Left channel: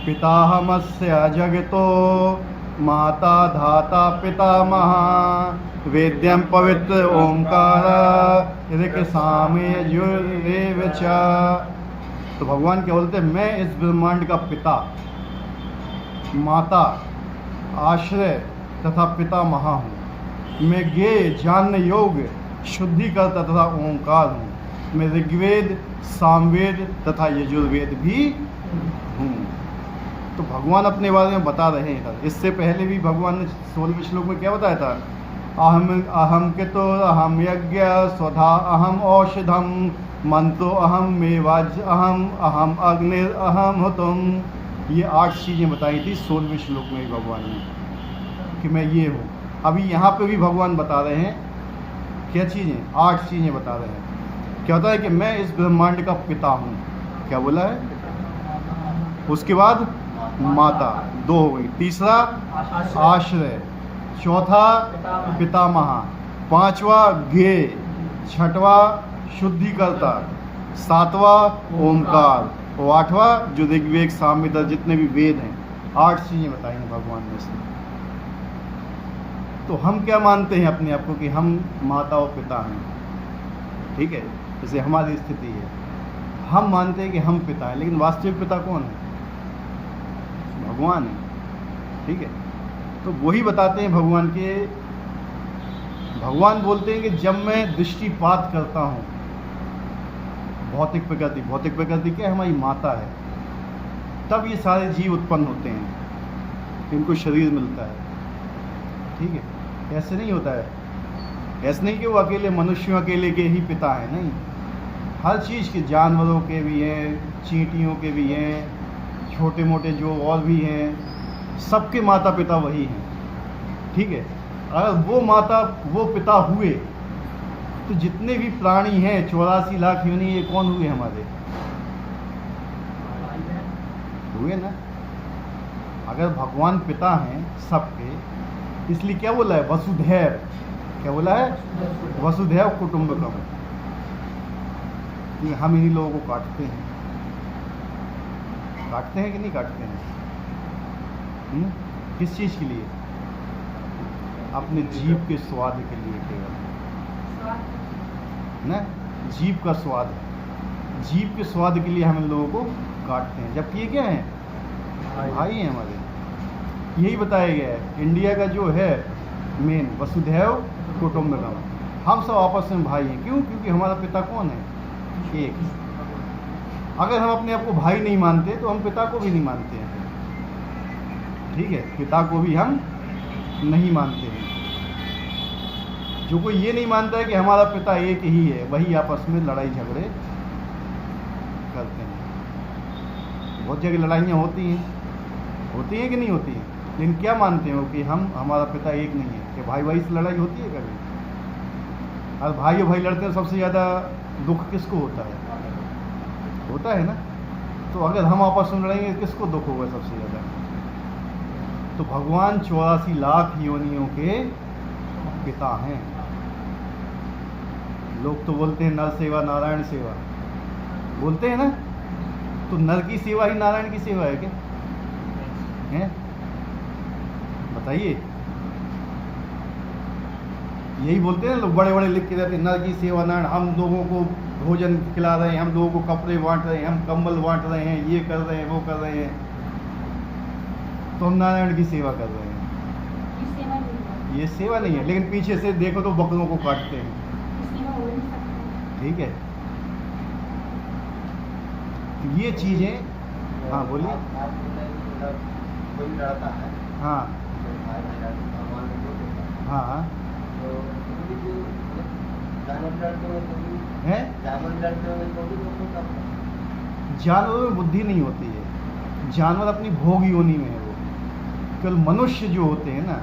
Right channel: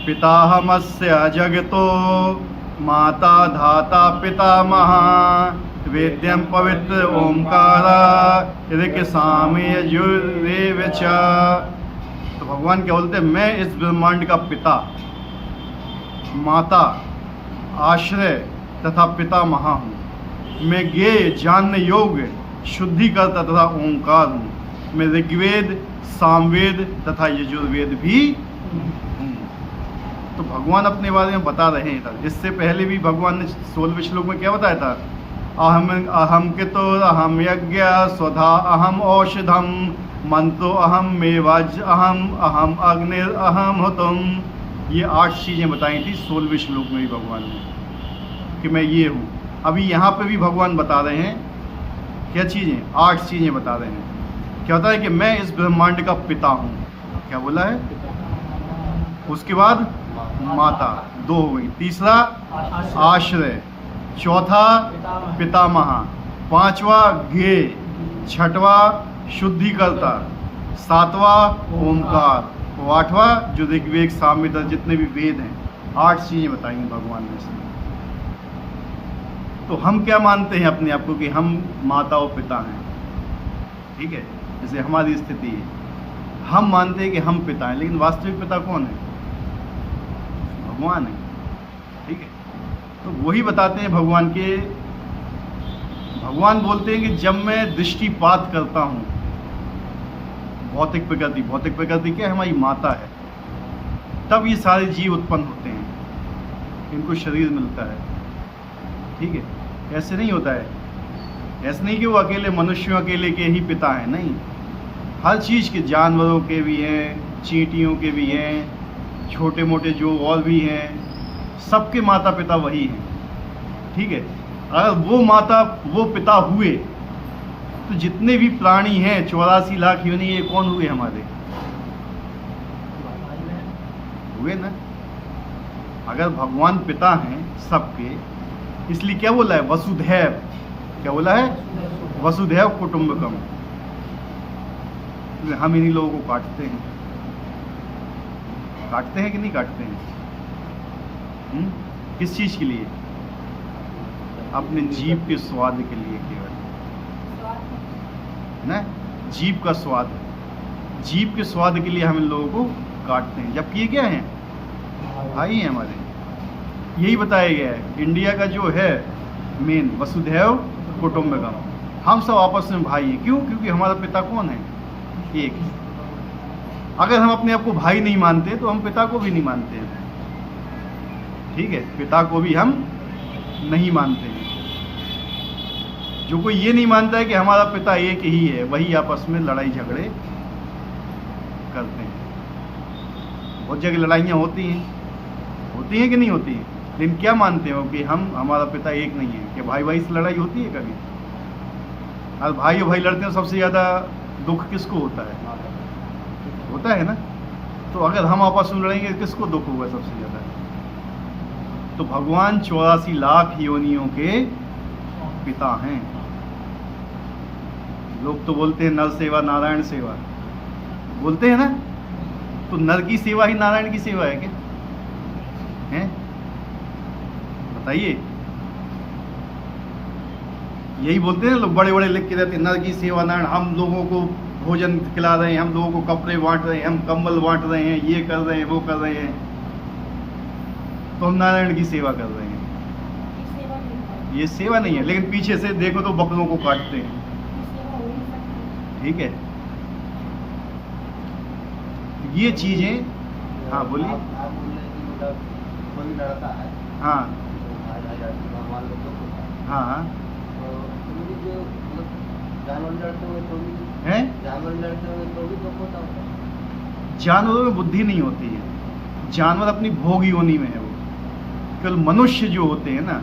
पिताहमस्य जगतो माता धाता पितामहा वेद्यं पवित्र ओंकार ऋक् साम यजुर्वेद च। तो भगवान क्या बोलते हैं, मैं इस ब्रह्मांड का पिता, माता, आश्रय तथा पितामहा हूँ। मैं ज्ञेय, जानने योग्य, शुद्धिकर्ता तथा ओंकार हूँ। मैं ऋग्वेद, सामवेद तथा यजुर्वेद भी हूँ। तो भगवान अपने बारे में बता रहे हैं। इससे पहले भी भगवान ने 16वें श्लोक में क्या बताया था, अहम कितो अहम यज्ञ स्वधा अहम औषधम मंत्रो अहम मेवाज अहम अग्निर अहम हुतम। ये 8 चीज़ें बताई थी 16वें श्लोक में भी भगवान ने कि मैं ये हूँ। अभी यहाँ पे भी भगवान बता रहे हैं क्या चीज़ें, 8 चीज़ें बता रहे हैं। क्या होता है कि मैं इस ब्रह्मांड का पिता हूँ। क्या बोला है? उसके बाद माता 2 हो गई, तीसरा आश्रय, चौथा पितामह, 5वां ज्ञेय, 6वां शुद्धिकर्ता, 7वां ओंकार, 8वां जो ऋग्वेद सामवेद जितने भी वेद हैं, 8 चीज़ें बताएंगे भगवान ने इसमें। तो हम क्या मानते हैं अपने आप को कि हम माता और पिता हैं, ठीक है, जैसे हमारी स्थिति है, हम मानते हैं कि हम पिता हैं, लेकिन वास्तविक पिता कौन है? भगवान है, ठीक है। तो वही बताते हैं भगवान बोलते हैं कि जब मैं दृष्टिपात करता हूँ, भौतिक प्रकृति क्या है? हमारी माता है। तब ये सारे जीव उत्पन्न होते हैं, इनको शरीर मिलता है, ठीक है। ऐसे नहीं होता है, ऐसे नहीं कि वो अकेले मनुष्यों अकेले के ही पिता हैं, नहीं। हर चीज़ के, जानवरों के भी हैं, चींटियों के भी हैं, छोटे मोटे जो और भी हैं, सबके माता पिता वही हैं, ठीक है। अगर वो पिता हुए तो जितने भी प्राणी हैं 84 लाख योनि, ये कौन हुए? हमारे हुए ना। अगर भगवान पिता हैं सबके, इसलिए क्या बोला है? वसुधैव। क्या बोला है? वसुधैव कुटुंबकम। हम इन्हीं लोगों को काटते हैं कि नहीं काटते हैं? किस चीज़ के लिए? अपने जीभ के स्वाद के लिए केवल, ना। जीभ का स्वाद है, जीभ के स्वाद के लिए हम इन लोगों को काटते हैं, जबकि ये क्या है? भाई हैं हमारे। यही बताया गया है इंडिया का जो है मेन, वसुधैव कुटुंबकम। हम सब आपस में भाई हैं। क्यों? क्योंकि हमारा पिता कौन है? एक। अगर हम अपने आप को भाई नहीं मानते तो हम पिता को भी नहीं मानते हैं, ठीक है। पिता को भी हम नहीं मानते हैं। जो कोई ये नहीं मानता है कि हमारा पिता एक ही है, वही आपस में लड़ाई झगड़े करते हैं। बहुत जगह लड़ाइयाँ होती हैं कि नहीं होती हैं, लेकिन क्या मानते हो कि हमारा पिता एक नहीं है? कि भाई भाई से लड़ाई होती है कभी? अगर भाई और भाई लड़ते हैं, सबसे ज़्यादा दुख किसको होता है? होता है ना। तो अगर हम आपस में लड़ेंगे, किसको दुख होगा सबसे ज़्यादा? तो भगवान 84 लाख योनियों के पिता हैं। लोग तो बोलते हैं नर सेवा नारायण सेवा, बोलते हैं ना। तो नर की सेवा ही नारायण की सेवा है क्या? है? बताइए। यही बोलते हैं लोग, बड़े बड़े लिख के रहते हैं नर की सेवा नारायण। हम लोगों को भोजन खिला रहे हैं, हम लोगों को कपड़े बांट रहे हैं, हम कंबल बांट रहे हैं, ये कर रहे हैं, वो कर रहे हैं, तो हम नारायण की सेवा कर रहे हैं। ये सेवा नहीं है। लेकिन पीछे से देखो तो बकरों को काटते हैं, ठीक है। ये चीजें, हाँ बोलिए। हाँ हाँ हाँ हैं? जानवरों में बुद्धि नहीं होती है, जानवर अपनी भोग योनि में है। वो केवल मनुष्य जो होते हैं ना,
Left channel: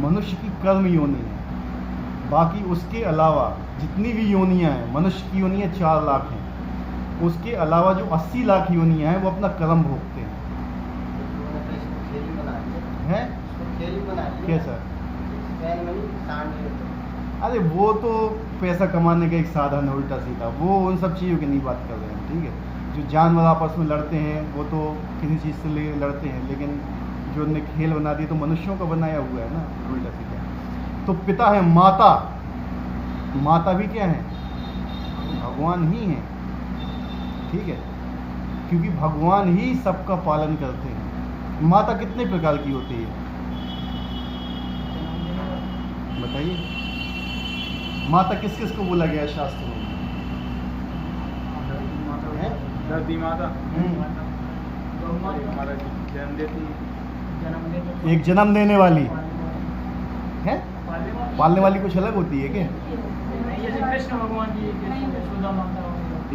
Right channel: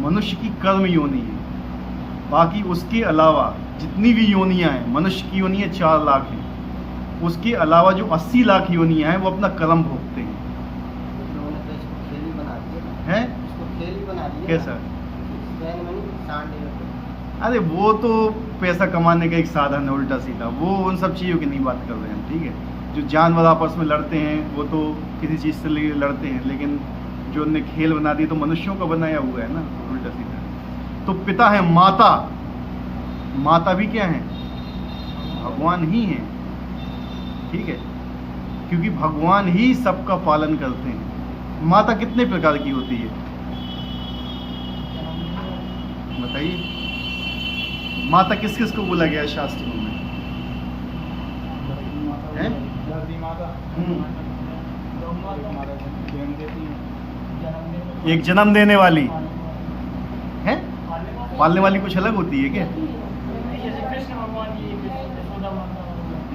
मनुष्य की कर्म योनि है। बाकी उसके अलावा जितनी भी योनियां हैं, मनुष्य की योनियां 4 लाख हैं, उसके अलावा जो 80 लाख योनियां हैं वो अपना कर्म भोगते हैं। हैं? कैसा? अरे वो तो पैसा कमाने का एक साधन है उल्टा सीधा, वो उन सब चीज़ों की नहीं बात कर रहे हैं, ठीक है। जो जानवर आपस में लड़ते हैं वो तो किसी चीज़ से लड़ते हैं, लेकिन जो उनने खेल बना दिया तो मनुष्यों का बनाया हुआ है ना, उल्टा सीधा। तो पिता है, माता, माता भी क्या है? भगवान ही है, ठीक है, क्योंकि भगवान ही सबका पालन करते हैं। माता कितने प्रकार की होती है बताइए? माता किस किस को बोला गया है शास्त्रों में? धरती माता, जन्म देती है, एक जन्म देने वाली है, पालने वाली कुछ अलग होती है क्या? कृष्ण भगवान की यशोदा माता,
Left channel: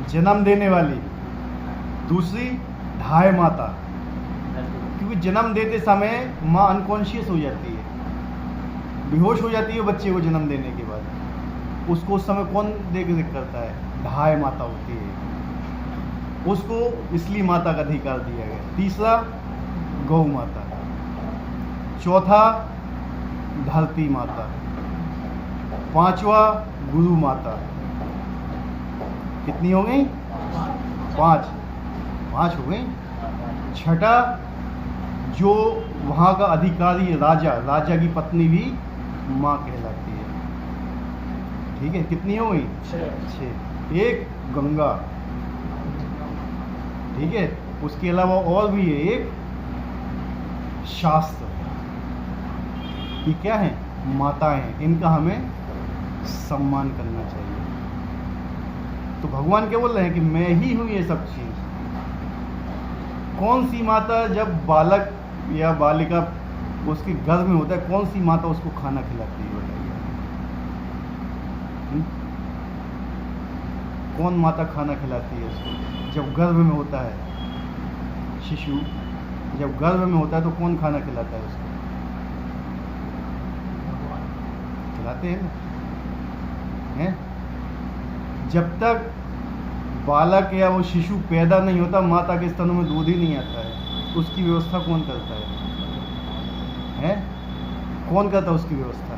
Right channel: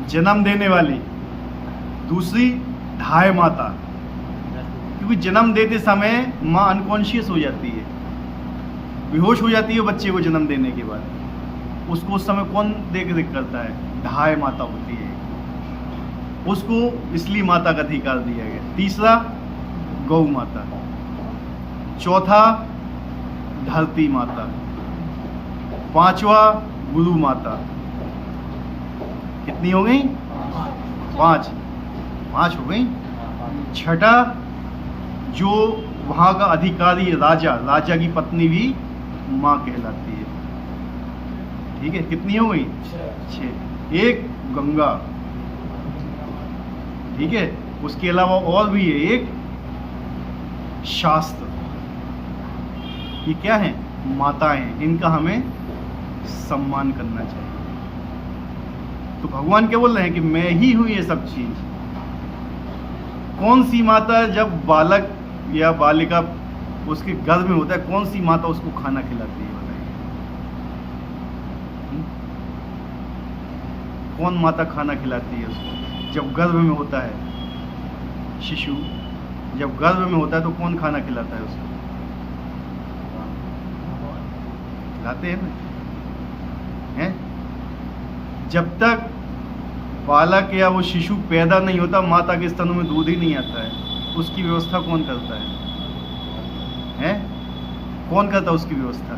जन्म देने वाली। दूसरी धाय माता, क्योंकि जन्म देते समय माँ अनकॉन्शियस हो जाती है, बेहोश हो जाती है बच्चे को जन्म देने के बाद। उसको उस समय कौन देख रेख करता है? धाय माता होती है, उसको इसलिए माता का अधिकार दिया गया। तीसरा गौ माता, चौथा धरती माता, पांचवा गुरु माता। कितनी हो गई? पांच हो गई। छठा जो वहां का अधिकारी राजा, राजा की पत्नी भी मां कहलाती है, ठीक है। कितनी हो गई? 6। एक गंगा, ठीक है, उसके अलावा और भी है एक शास्त्र। ये क्या है? माताएं, इनका हमें सम्मान करना चाहिए। तो भगवान क्या बोल रहे हैं कि मैं ही हूं ये सब चीज। कौन सी माता जब बालक या बालिका उसके गर्भ में होता है, कौन सी माता उसको खाना खिलाती है? कौन माता खाना खिलाती है उसको जब गर्भ में होता है? शिशु जब गर्भ में होता है तो कौन खाना खिलाता है उसको? खिलाते हैं ना, हैं? जब तक बालक या वो शिशु पैदा नहीं होता, माता के स्तनों में दूध ही नहीं आता है, उसकी व्यवस्था कौन करता है? हैं? कौन करता है उसकी व्यवस्था?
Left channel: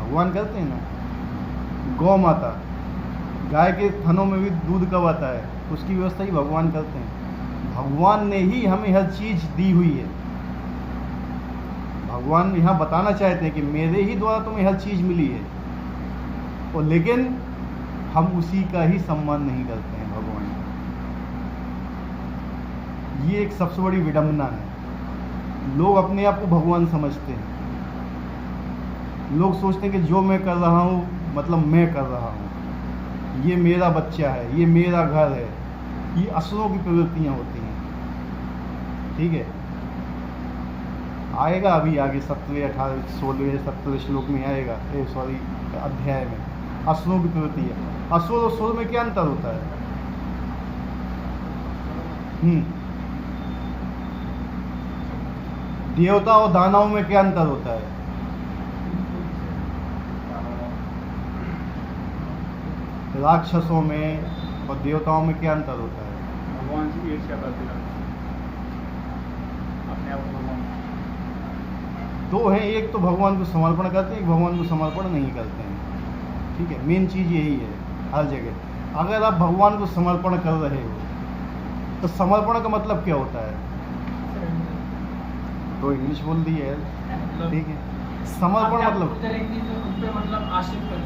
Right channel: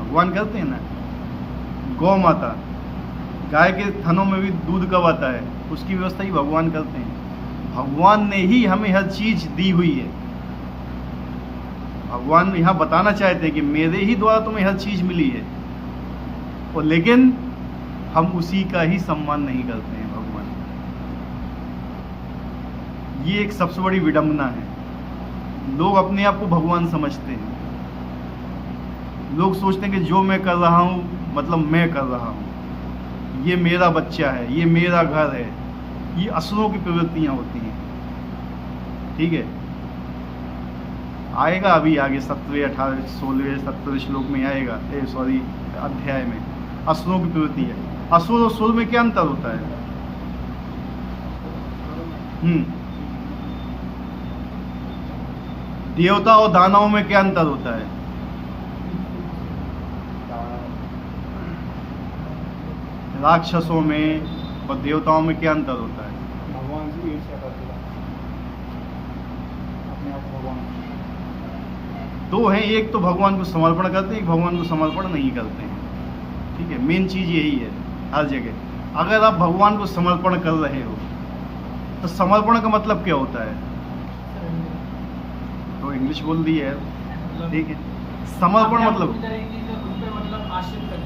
भगवान करते हैं ना। गौ माता, गाय के थनों में भी दूध कब आता है, उसकी व्यवस्था ही भगवान करते हैं। भगवान ने ही हमें हर चीज दी हुई है। भगवान यहाँ बताना चाहते हैं कि मेरे ही द्वारा तुम्हें हर चीज मिली है, और लेकिन हम उसी का ही सम्मान नहीं करते हैं। भगवान, ये एक सबसे बड़ी विडंबना है। लोग अपने आप को भगवान समझते हैं। लोग सोचते हैं कि जो मैं कर रहा हूँ मतलब मैं कर रहा हूँ, ये मेरा बच्चा है, ये मेरा घर है। ये असुरों की प्रवृत्तियां होती हैं, ठीक है। आएगा अभी आगे 17वें 18वें 16वें 17वें श्लोक में आएगा, अध्याय में असुरों की प्रवृत्ति है। असुर और सुर में क्या अंतर होता है? देवता और दानवों में क्या अंतर होता है? राक्षसों में और देवताओं में क्या अंतर होता है? भगवान से ईर्ष्या करते हैं अपने आप को भगवान। दो हैं, एक तो भगवान को समर्पण करते हैं, एक भगवान को समर्पण नहीं करते हैं, ठीक है। मेन चीज यही है हर जगह। अगर आप भगवान को समर्पण कर रहे हो तो समर्पण का मतलब क्या होता है? तो इंग्लिश बोल दी है, ठीक है। समर्पण मतलब आश्रित कर,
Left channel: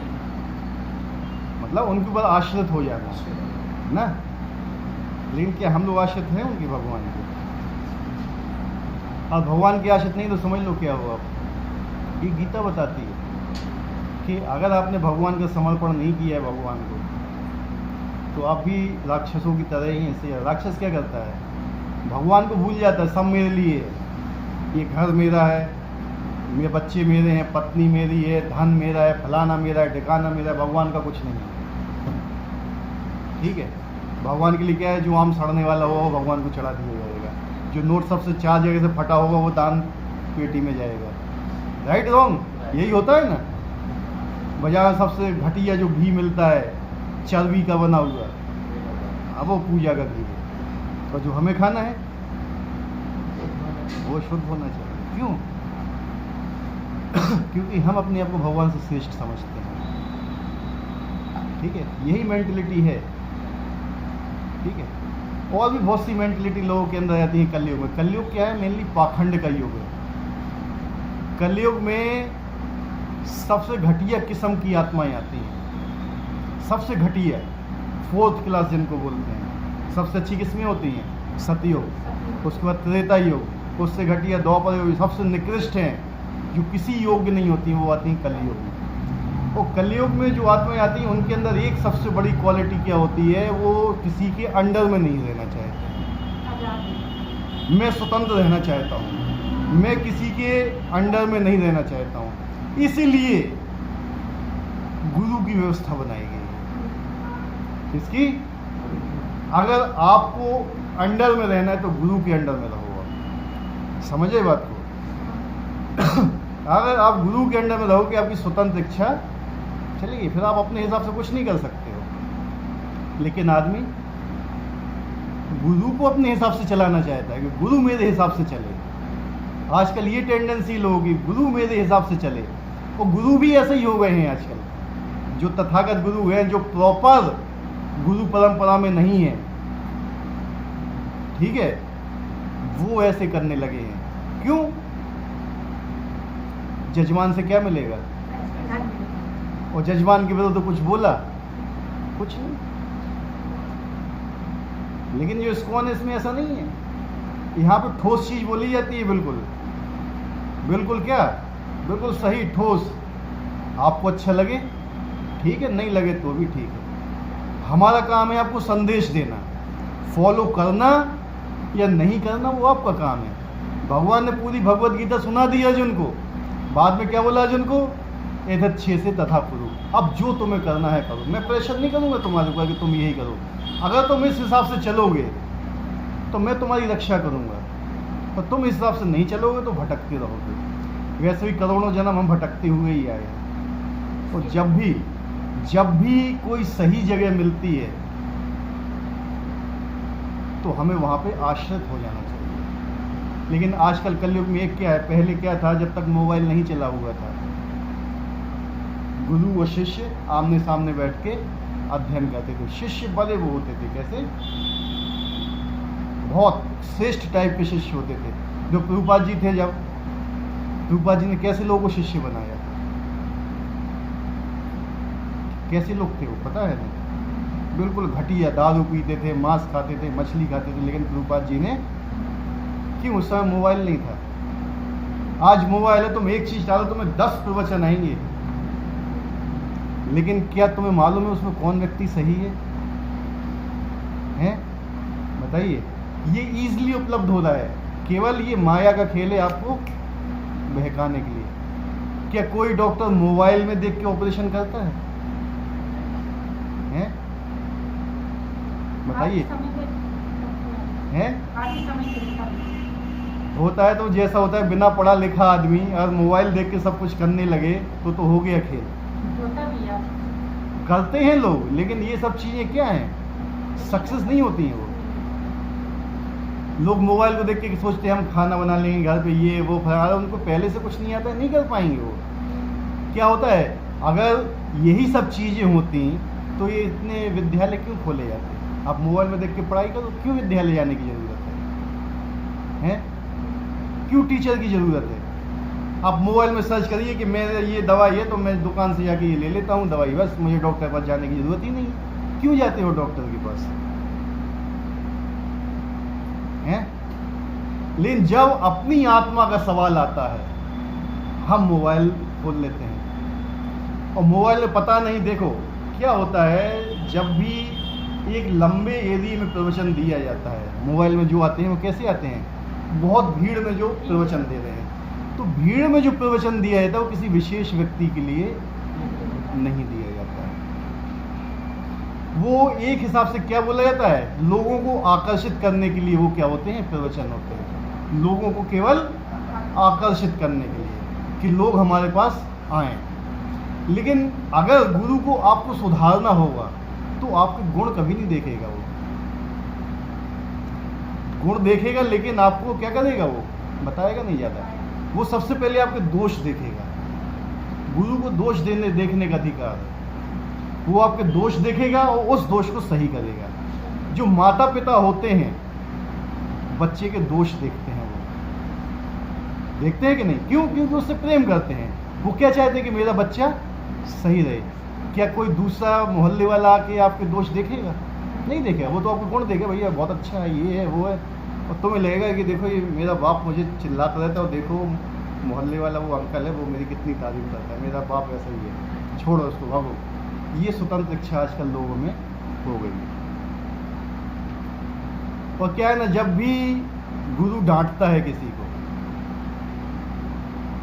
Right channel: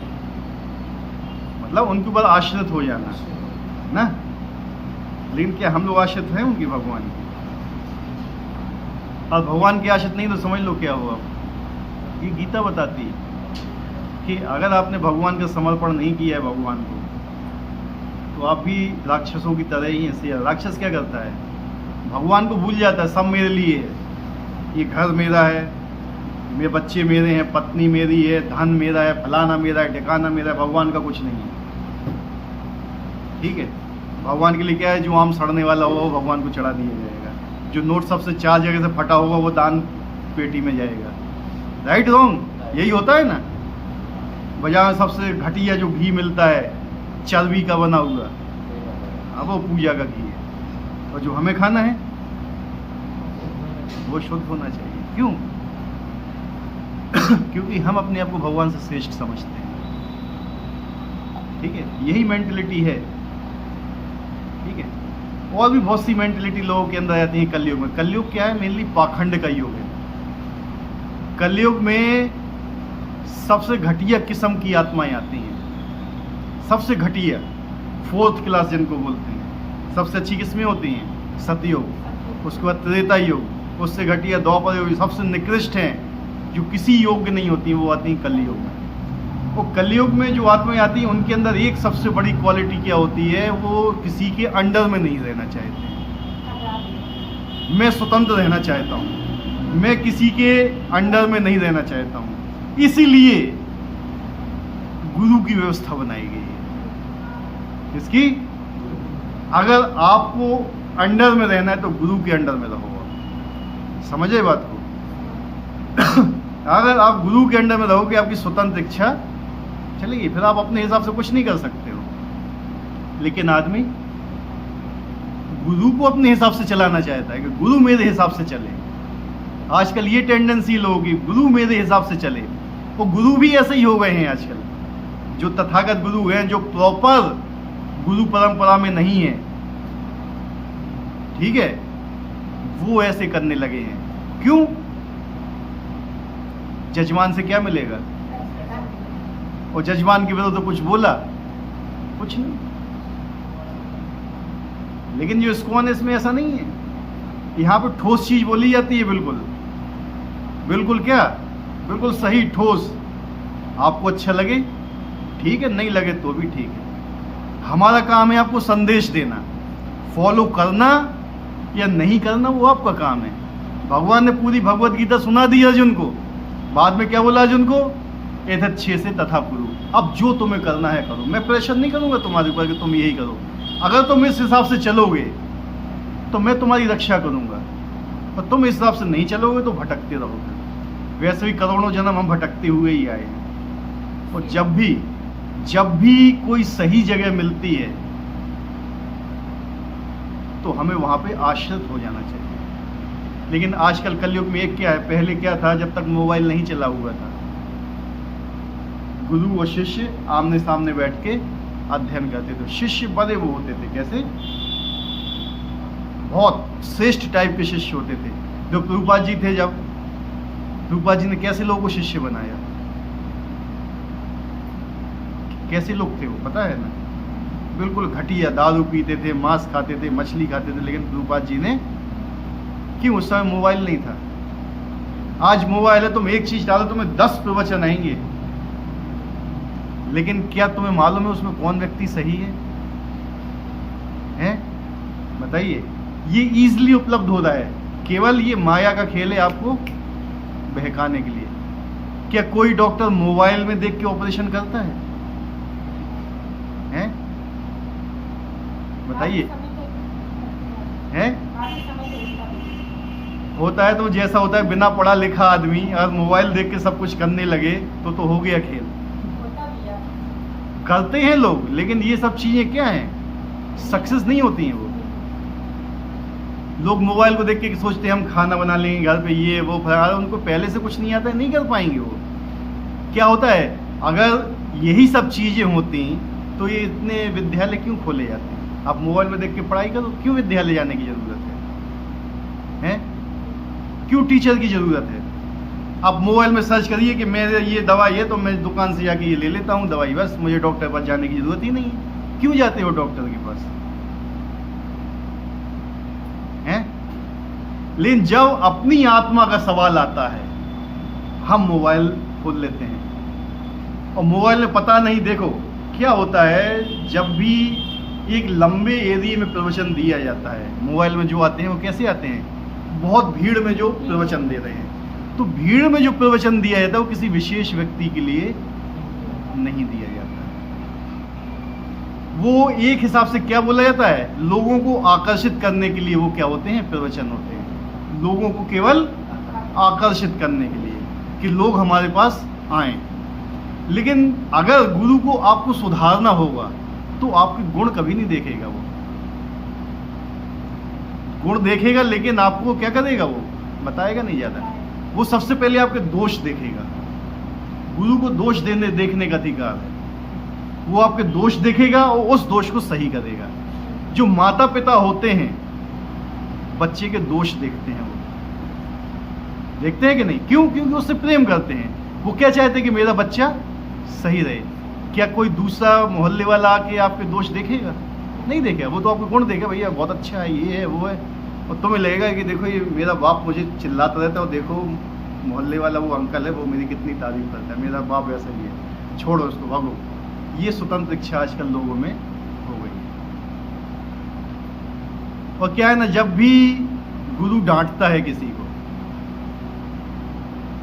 मतलब उनके ऊपर आश्रित हो जाना ना। लेकिन क्या हम लोग आश्रित हैं उनकी, भगवान की? और भगवान की आश्रित नहीं तो समझ लो क्या हुआ। ये गीता बताती है कि अगर आपने भगवान का समर्पण नहीं किया है भगवान को, तो आप भी राक्षसों की तरह ही हैं। राक्षस क्या करता है? भगवान को भूल जाता है, सब मेरे लिए है, ये घर मेरा है, मेरे बच्चे मेरे हैं, पत्नी मेरी है, धन मेरा है, फलाना मेरा है, ठिकाना मेरा है। भगवान का कुछ नहीं है, ठीक है। भगवान के लिए क्या है? जो आम सड़ने वाला होगा वो भगवान को चढ़ा दिया जाएगा, जो नोट सबसे 4 जगह से फटा होगा वो दान पेटी में जाएगा। राइट रॉन्ग यही होता है ना। बाजार में सबसे घटिया जो घी मिलता है चर्बी का बना हुआ, अब वो पूजा का घी है, और जो हमें खाना है वो शुद्ध होना चाहिए। क्यों? क्योंकि हम अपने आप को भगवान से श्रेष्ठ समझते हैं, ठीक है। यही मेंटलिटी है, ठीक है। और भी बहुत सी मेंटलिटी लोगों के अंदर आती है कलयुग में। कलयुग क्या है? मेनली पाखंड का युग है। कलयुग में सबसे घटिया किस्म की आत्माएं आती हैं, सबसे घटिया, 4th क्लास जिनको बोलते हैं। सबसे अच्छी किस्में होती हैं सतयुग, उसके बाद त्रेता युग, उससे घटिया द्वापर युग, सबसे निकृष्ट हैं जो किसी योग्य नहीं होती वो आती हैं कलयुग में। वो कलयुग में जो आत्माएं आती हैं उनके अंदर एक सबसे बड़ी क्वालिटी क्या होती है? वो किसी के अंडर में नहीं रहना चाहते। मैं स्वतंत्र रहना चाहता हूँ, मैं किसी के अंडर में नहीं रहना चाहता हूँ, इसीलिए गुरु की व्यवस्था बनाई गई है। इसकी अगर आपको अंडर में रहना है तो गुरु के अंडर में रहोगे। समझे बात को? अगर आप गुरु के अंडर में रहोगे, आपकी स्वतंत्र इच्छा चलेगी, फिर आप अपने हिसाब से कुछ नहीं कर सकते हो। लेकिन आदमी गुरु को अपने हिसाब से चलाना चाहता है कि गुरु मेरे हिसाब से चले। आजकल ये टेंडेंसी लोगों की, गुरु मेरे हिसाब से चले। वो गुरु भी ऐसे ही हो गए हैं आजकल, जो तथागत गुरु हैं, जो प्रॉपर गुरु परंपरा में नहीं है, ठीक है, वो ऐसे करने लगे हैं। क्यों? जजमान से क्या मिलेगा? और जजमान के विरुद्ध तो कुछ बोला कुछ नहीं। लेकिन जो इस्कॉन है इसमें ऐसा नहीं है। यहाँ पे ठोस चीज बोली जाती है, बिल्कुल बिल्कुल क्या, बिल्कुल सही ठोस। आपको अच्छा लगे ठीक है, नहीं लगे तो भी ठीक है। हमारा काम है आपको संदेश देना, फॉलो करना या नहीं करना वो आपका काम है। भगवान ने पूरी भगवत गीता सुना दी अर्जुन को, बाद में क्या बोला अर्जुन को? एतच्छे से तथा पुरु, अब जो तुम्हें करना है करो, मैं प्रेशर नहीं करूंगा तुम्हारे ऊपर कि तुम यही करो। अगर तुम इस हिसाब से चलोगे तो मैं तुम्हारी रक्षा करूंगा, और तुम इस हिसाब से नहीं चलोगे तो भटकते रहोगे। वैसे भी करोड़ों जन्म हम भटकते हुए ही आए। और जब भी कोई सही जगह मिलती है तो हमें वहां पे आश्रित हो जाना चाहिए। लेकिन आजकल कलयुग में एक क्या है, पहले क्या था, जब तक मोबाइल नहीं चला हुआ था, गुरु और शिष्य आमने सामने बैठ के अध्ययन करते थे। शिष्य बड़े वो होते थे, कैसे, बहुत श्रेष्ठ टाइप के शिष्य होते थे। जो प्रभुपाद जी थे, जब प्रभुपाद जी ने कैसे लोगों को शिष्य बनाया, कैसे लोग थे वो पता है ना? बिल्कुल घटिया, दारू पीते थे, मांस खाते थे, मछली खाते थे। लेकिन प्रभुपाद जी ने, क्यों? उस समय मोबाइल नहीं था। आज मोबाइल है, तुम एक चीज डालो तुम्हें 10 प्रवचन आएंगे। लेकिन क्या तुम्हें मालूम है उसमें कौन व्यक्ति सही है? हैं? बताइए। ये इजीली उपलब्ध हो रहा है, केवल ये माया का खेल है आपको बहकाने के लिए। क्या कोई डॉक्टर मोबाइल में देख के ऑपरेशन करता है? हैं? बताइए। हैं? होता है तो जैसा होता है, बिना पढ़ा लिखा आदमी अगर मोबाइल देख के सब कुछ करने लगे तो हो गया खेल। करते हैं लोग, लेकिन ये सब चीजें क्या हैं, सक्सेस नहीं होती हैं। वो लोग मोबाइल को देख के सोचते हैं हम खाना बना लेंगे घर पे, ये वो, फिर उनको पहले से कुछ नहीं आता है, नहीं कर पाएंगे वो। क्या होता है, अगर यही सब चीजें होती तो ये इतने विद्यालय क्यों खोले जाते? आप मोबाइल में देख के पढ़ाई करो, क्यों विद्यालय जाने की जरूरत है? क्यों टीचर की जरूरत है? आप मोबाइल में सर्च करिए कि मेरे ये दवाई है तो मैं दुकान से जाके ये ले लेता हूँ दवाई, बस मुझे डॉक्टर के पास जाने की जरूरत ही नहीं है। क्यों जाते हो डॉक्टर के पास? हैं? लेकिन जब अपनी आत्मा का सवाल आता है, हम मोबाइल खोल लेते हैं। और मोबाइल में पता नहीं, देखो क्या होता है, जब भी एक लंबे एरिया में प्रवचन दिया जाता है, मोबाइल में जो आते हैं वो कैसे आते हैं, बहुत भीड़ में जो प्रवचन दे रहे हैं, तो भीड़ में जो प्रवचन दिया जाता है वो किसी विशेष व्यक्ति के लिए नहीं दिया जाता है। वो एक हिसाब से क्या बोला जाता है, लोगों को आकर्षित करने के लिए वो क्या होते हैं, प्रवचन होते हैं, लोगों को केवल आकर्षित करने के लिए कि लोग हमारे पास आए। लेकिन अगर गुरु को आपको सुधारना होगा तो आपके गुण कभी नहीं देखेगा, वो गुण देखेगा लेकिन आपको क्या करेगा, वो बताएगा नहीं ज्यादा। वो सबसे पहले आपके दोष देखेगा। गुरु को दोष देखने का अधिकार है। वो आपके दोष देखेगा और उस दोष को सही करेगा। जो माता पिता होते हैं बच्चे के दोष देखते हैं, वो देखते हैं कि नहीं? क्यों? क्योंकि उससे प्रेम करते हैं। वो क्या चाहते हैं कि मेरा बच्चा सही रहे। क्या कोई दूसरा मोहल्ले वाला आके आपके दोष देखेगा? नहीं देखेगा। वो तो आपको गुण देखेगा, भैया बहुत अच्छा है, ये है, वो है। और तुम्हें लगेगा कि देखो ये मेरा बाप मुझे चिल्लाता रहता है और देखो मोहल्ले वाला वो अंकल है, वो मेरी कितनी तारीफ करता है, मेरा बाप वैसा ही है, छोड़ो उसको, भागो। ये स्वतंत्र इच्छा आजकल लोगों में हो गई है। और क्या है ना, जब भी गुरु डांटता है किसी को,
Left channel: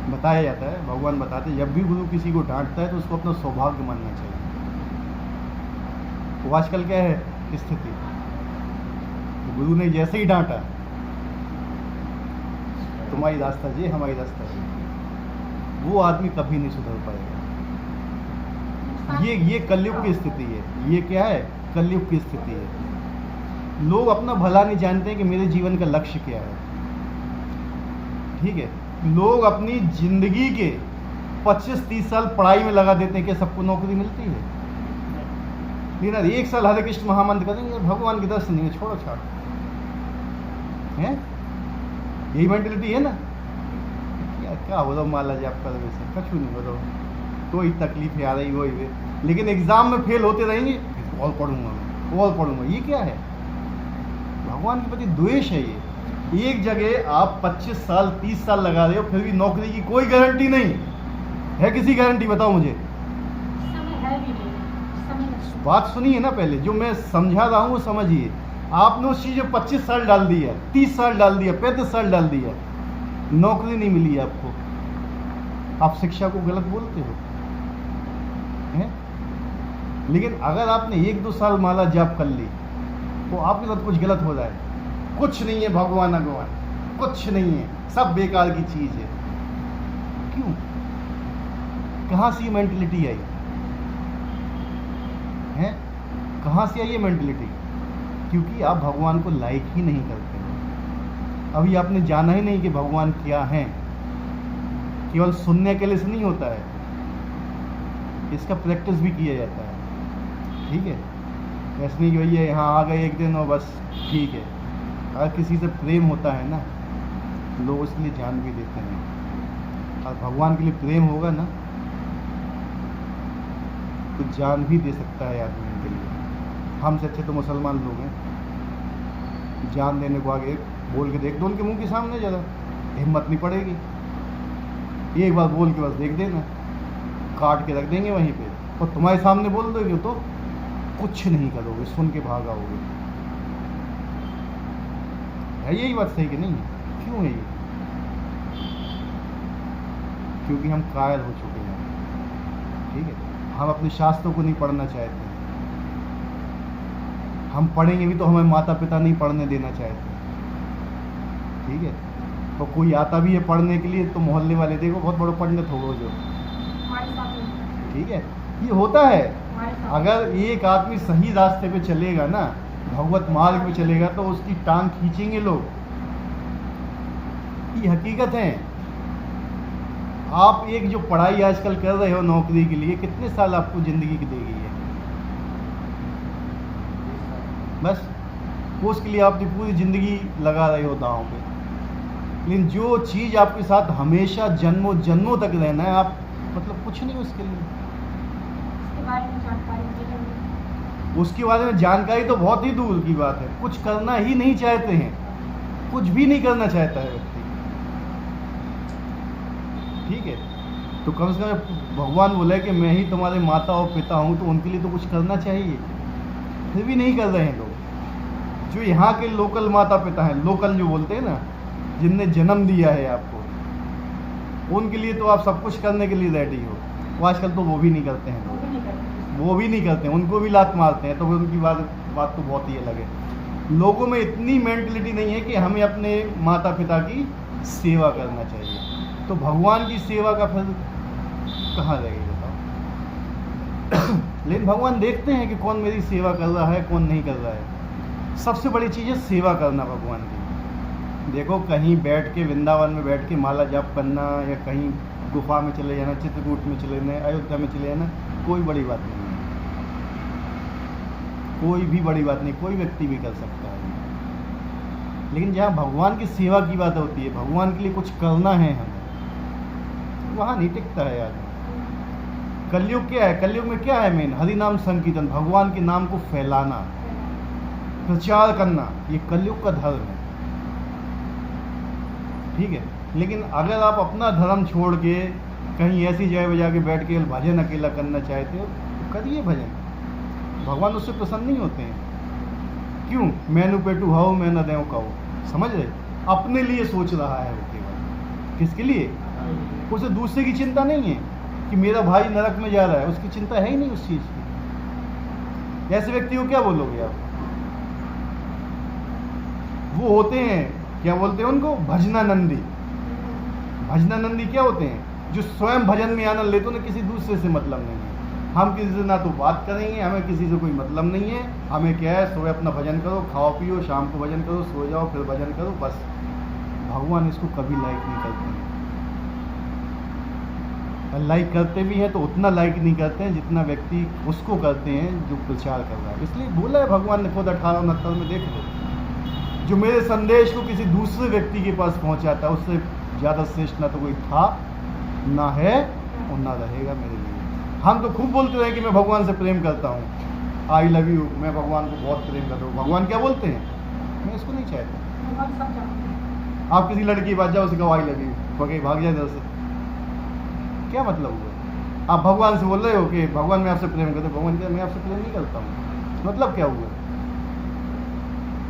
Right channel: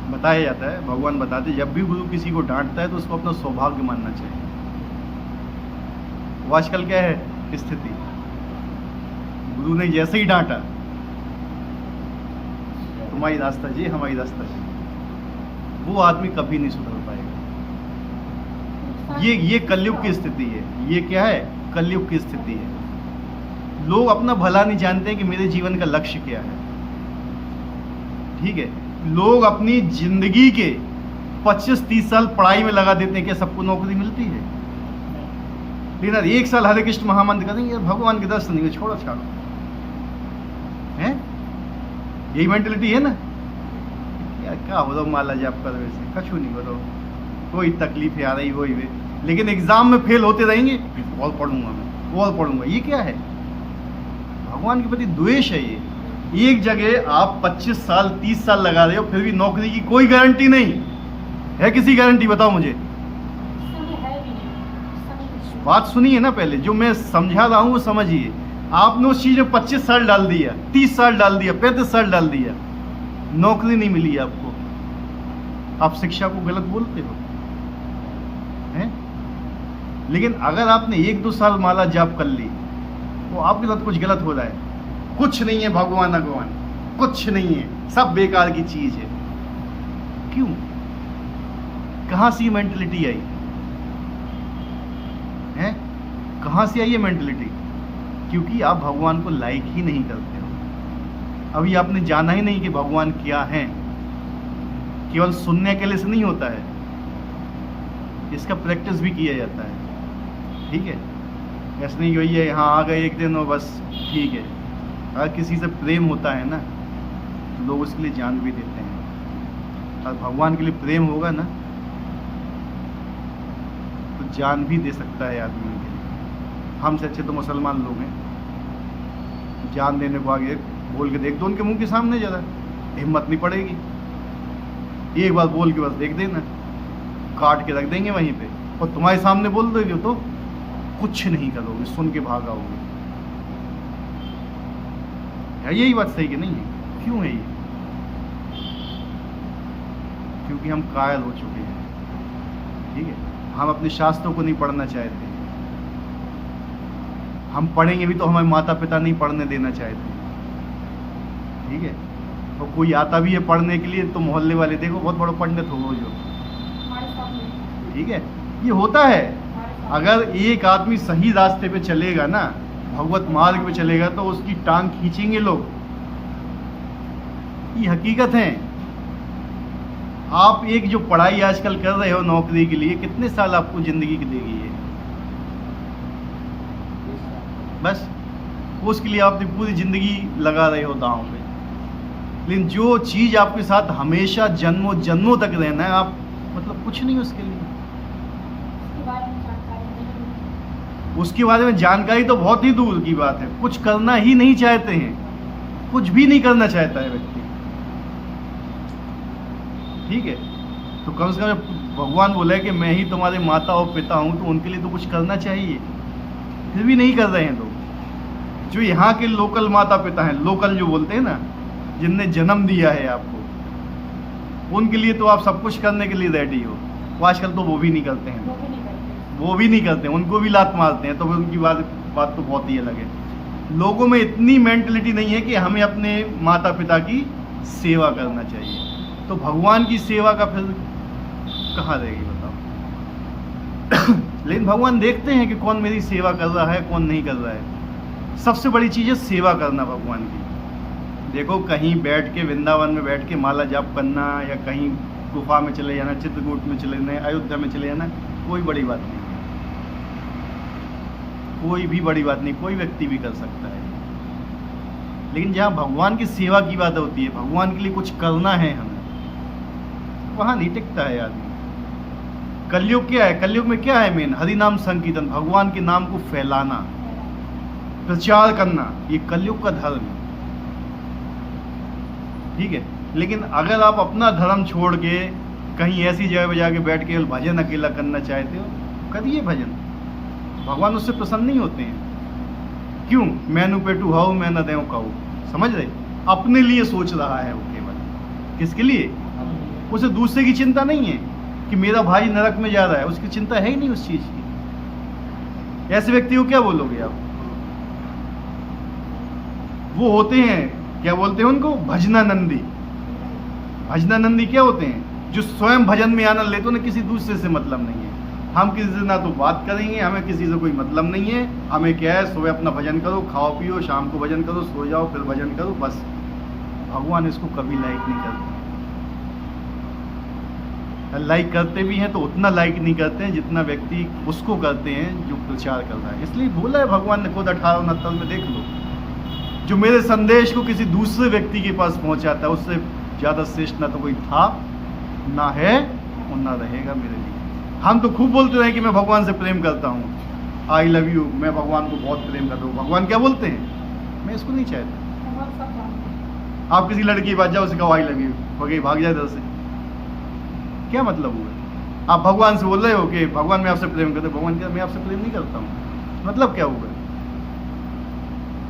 बताया जाता है, भगवान बताते हैं, जब भी गुरु किसी को डांटता है तो उसको अपना सौभाग्य मानना चाहिए। तो आजकल क्या है स्थिति, गुरु ने जैसे ही डांटा, तुम्हारी रास्ता जी, हमारी रास्ता जी, वो आदमी कभी नहीं सुधर पाएगा। ये कलयुग की स्थिति है। ये क्या है? कलयुग की स्थिति है। लोग अपना भला नहीं जानते हैं कि मेरे जीवन का लक्ष्य क्या है। ठीक है, लोग अपनी जिंदगी के 25-30 साल पढ़ाई में लगा देते हैं। क्या सबको नौकरी मिलती है? लेकिन 1 साल हरे कृष्ण महामंत्र करेंगे, यार भगवान के दर्शन नहीं, छोड़ो छाड़ो, है? यही मेंटेलिटी है ना। यार क्या हो रहा माला जाप कर, वैसे कछु नहीं हो, कोई तकलीफ आ रही वही वे, लेकिन एग्जाम में फेल होते रहेंगे, और पढ़ूंगा और पढ़ूंगा। ये क्या है? भगवान के प्रति द्वेष है ये। एक जगह आप 25 साल 30 साल लगा रहे हो, फिर भी नौकरी की कोई गारंटी नहीं है। किसी गारंटी बताओ मुझे? बात सुनिए ना पहले, जो मैं समझा रहा हूं वो समझिए। आपने उस चीज में 25 साल डाल दिया, 30 साल डाल दिया, 35 साल डाल दिया, नौकरी नहीं मिली आपको। आप शिक्षा को गलत बोलते हो, हैं? लेकिन अगर आपने 1-2 साल माला जाप कर ली तो आपके साथ कुछ गलत हो रहा है। कुछ नहीं है भगवान भगवान, कुछ नहीं है, सब बेकार की चीज है। क्यों? कहां से ये मेंटेलिटी आई है? कहां से आई ये मेंटेलिटी? क्योंकि आप भगवान को लाइक ही नहीं करते। अभी आपने जाना ही नहीं कि भगवान क्या है। केवल सुनने के लिए से नहीं होता है, इसका प्रैक्टिस भी किया जाता है। ठीक है, ऐसा नहीं वही है यहाँ आ गए एक दिन और बस ठीक है। अगर किसी से प्रेम होता है ना, लोग उसके लिए जान भी देते हैं। और भगवान के लिए प्रेम होगा ना तो जान भी दे सकता है आदमी के लिए। हमसे अच्छे तो मुसलमान लोग हैं, जान देने को आगे बोल के देख दो उनके मुंह के सामने, ज़रा हिम्मत नहीं पड़ेगी। एक बार बोल के बस देख देना, काट के रख देंगे वहीं पे। और तुम्हारे सामने बोल दोगे तो कुछ नहीं करोगे, सुन के भाग आओगे। है यही बात सही कि नहीं है? क्यों है ये? क्योंकि हम कायल हो चुके हैं। ठीक है, हम अपने शास्त्रों को नहीं पढ़ना चाहते। हम पढ़ेंगे भी तो हमारे माता पिता नहीं पढ़ने देना चाहते। ठीक है, और कोई आता भी है पढ़ने के लिए तो मोहल्ले वाले देखो बहुत बड़ा पंडित हो जो। ठीक है, ये होता है। अगर एक आदमी सही रास्ते पे चलेगा ना, भगवत मार्ग पे चलेगा, तो उसकी टांग खींचेंगे लोग। ये हकीकत है। आप एक जो पढ़ाई आजकल कर रहे हो नौकरी के लिए, कितने साल आपको जिंदगी की देगी है? बस उसके लिए आपने पूरी जिंदगी लगा रहे हो दांव पे। लेकिन जो चीज आपके साथ हमेशा जन्मों जन्मों तक रहना है, आप मतलब कुछ नहीं उसके लिए। उसके बारे में जानकारी तो बहुत ही दूर की बात है। कुछ करना ही नहीं चाहते हैं, कुछ भी नहीं करना चाहता है व्यक्ति। ठीक है, तो कम से कम भगवान बोला है कि मैं ही तुम्हारे माता और पिता हूं, तो उनके लिए तो कुछ करना चाहिए। फिर भी नहीं कर रहे हैं लोग। जो यहाँ के लोकल माता पिता हैं, लोकल जो बोलते हैं ना, जिनने जन्म दिया है आपको, उनके लिए तो आप सब कुछ करने के लिए रेडी हो। वो आजकल तो वो भी नहीं करते हैं, वो भी नहीं करते हैं, उनको भी लात मारते हैं। तो फिर उनकी बात तो बहुत ही अलग है। लोगों में इतनी मेंटलिटी नहीं है कि हमें अपने माता पिता की सेवा करना चाहिए। तो भगवान की सेवा का फिर कहाँ रहेगी बताओ? लेकिन भगवान देखते हैं कि कौन मेरी सेवा कर रहा है, कौन नहीं कर रहा है। सबसे बड़ी चीज़ है सेवा करना भगवान की। देखो, कहीं बैठ के वृंदावन में बैठ के माला जाप करना, या कहीं गुफा में चले जाना, चित्रकूट में चले जाना, अयोध्या में चले जाना, कोई बड़ी बात नहीं है। कोई भी बड़ी बात नहीं, कोई व्यक्ति भी कर सकता है। लेकिन जहाँ भगवान की सेवा की बात होती है, भगवान के लिए कुछ करना है हमें, वहाँ नहीं टिकता है आदमी। कलयुग क्या है? कलयुग में क्या है मेन? हरि नाम संकीर्तन, भगवान के नाम को फैलाना, प्रचार करना, ये कलयुग का धर्म है। ठीक है, लेकिन अगर आप अपना धर्म छोड़ के कहीं ऐसी जगह पे जाके बैठ के भजन अकेला करना चाहते हो, करिए भजन, भगवान उससे प्रसन्न नहीं होते हैं। क्यों? मैनू पेटू हाउ मैं न देव काऊ, समझ रहे? अपने लिए सोच रहा है वो केवल। किसके लिए? उसे दूसरे की चिंता नहीं है कि मेरा भाई नरक में जा रहा है, उसकी चिंता है ही नहीं उस चीज की। ऐसे व्यक्ति को क्या बोलोगे आप? वो होते हैं, क्या बोलते हैं उनको? भजनानंदी। भजनानंदी क्या होते हैं? जो स्वयं भजन में आनंद लेते हो ना, किसी दूसरे से मतलब नहीं है। हम किसी से ना तो बात करेंगे, हमें किसी से कोई मतलब नहीं है। हमें क्या है, सुबह अपना भजन करो, खाओ पियो, शाम को भजन करो, सो जाओ, फिर भजन करो, बस। भगवान इसको कभी लाइक नहीं करते। लाइक करते भी हैं तो उतना लाइक नहीं करते हैं जितना व्यक्ति उसको करते हैं जो प्रचार कर रहा है। इसलिए बोला है भगवान ने खुद 1869 में, देख लो, जो मेरे संदेश को किसी दूसरे व्यक्ति के पास पहुंचाता है, उससे ज़्यादा श्रेष्ठ ना तो कोई था, ना है और ना रहेगा मेरे लिए। हम तो खूब बोलते रहे कि मैं भगवान से प्रेम करता हूँ, आई लव यू, मैं भगवान को बहुत प्रेम करता हूँ। भगवान क्या बोलते हैं? मैं इसको नहीं चाहता। आप किसी लड़की के पास जाओ, उसे कहो आई लव यू, वो कहीं भाग जाए इधर से, क्या मतलब हुआ? आप भगवान से बोल रहे हो कि भगवान मैं आपसे प्रेम करता हूँ, भगवान क्या मैं आपसे प्रेम नहीं करता हूँ, मतलब क्या हुआ?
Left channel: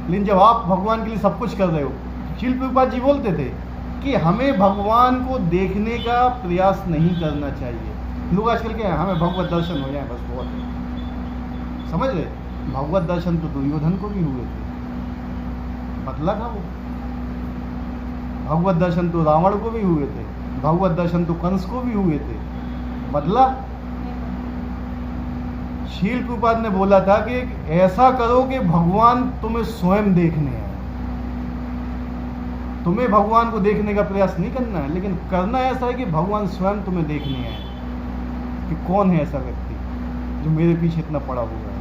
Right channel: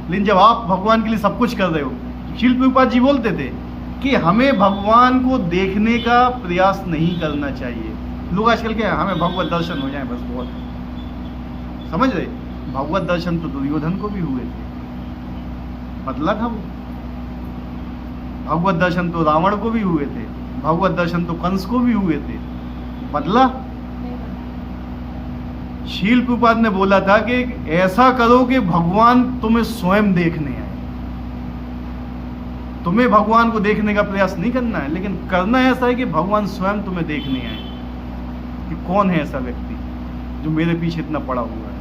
लेकिन जब आप भगवान के लिए सब कुछ कर रहे हो, शिल प्रभुपाद जी बोलते थे कि हमें भगवान को देखने का प्रयास नहीं करना चाहिए। लोग आजकल क्या है, हमें भगवत दर्शन हो जाए बस बहुत है, समझ रहे? भगवत दर्शन तो दुर्योधन को भी हुए थे, मतलब था वो। भगवत दर्शन तो रावण को भी हुए थे, भगवत दर्शन तो कंस को भी हुए थे, बदला। शील प्रभुपाद ने बोला था कि ऐसा करो कि भगवान तुम्हें स्वयं देखने आए। तुम्हें भगवान को देखने का प्रयास नहीं करना है, लेकिन करना ऐसा है कि भगवान स्वयं तुम्हें देखने आए कि कौन है ऐसा व्यक्ति जो मेरे पीछे इतना पड़ा हुआ है।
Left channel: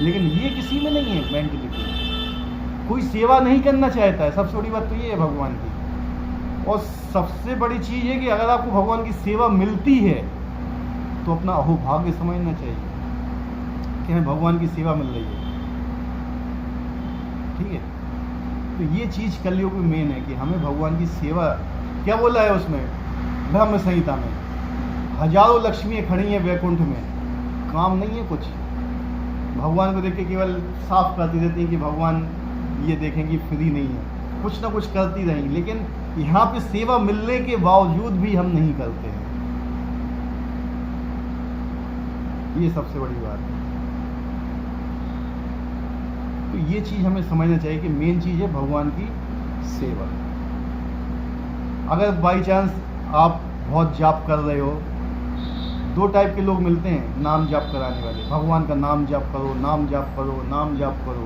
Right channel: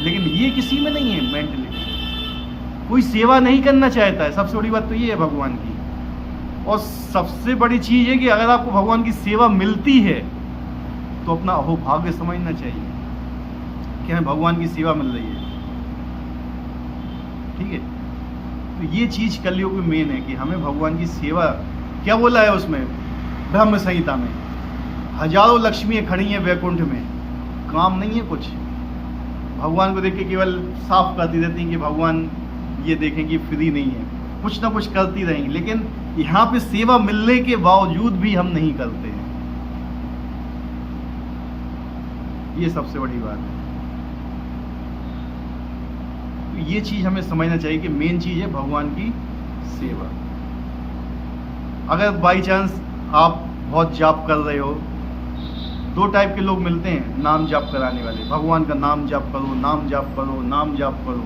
लेकिन ये किसी में नहीं है मेंटलिटी, कोई सेवा नहीं करना चाहता है। सबसे बड़ी बात तो ये है भगवान की। और सबसे बड़ी चीज है कि अगर आपको भगवान की सेवा मिलती है तो अपना अहोभाग्य समझना चाहिए कि हमें भगवान की सेवा मिल रही है। ठीक है, तो ये चीज कलयुग में मेन है कि हमें भगवान की सेवा, क्या बोला है उसमें ब्रह्म संहिता में, हजारों लक्ष्मियां खड़ी हैं वैकुंठ में, काम नहीं है कुछ। भगवान को देख के केवल साफ करती रहती हैं कि भगवान ये देखें कि फ्री नहीं है, कुछ ना कुछ करती रहेंगी। लेकिन यहाँ पे सेवा मिलने के बावजूद भी हम नहीं करते हैं, ये सबसे बड़ी बात है। तो ये चीज हमें समझना चाहिए कि मेन चीज है भगवान की सेवा। अगर बाई चांस आप बहुत जाप कर रहे हो, दो टाइप के लोग मिलते हैं नाम जाप कराने वाले। भगवान का नाम जाप करो, नाम जाप करो, नाम जाप करो।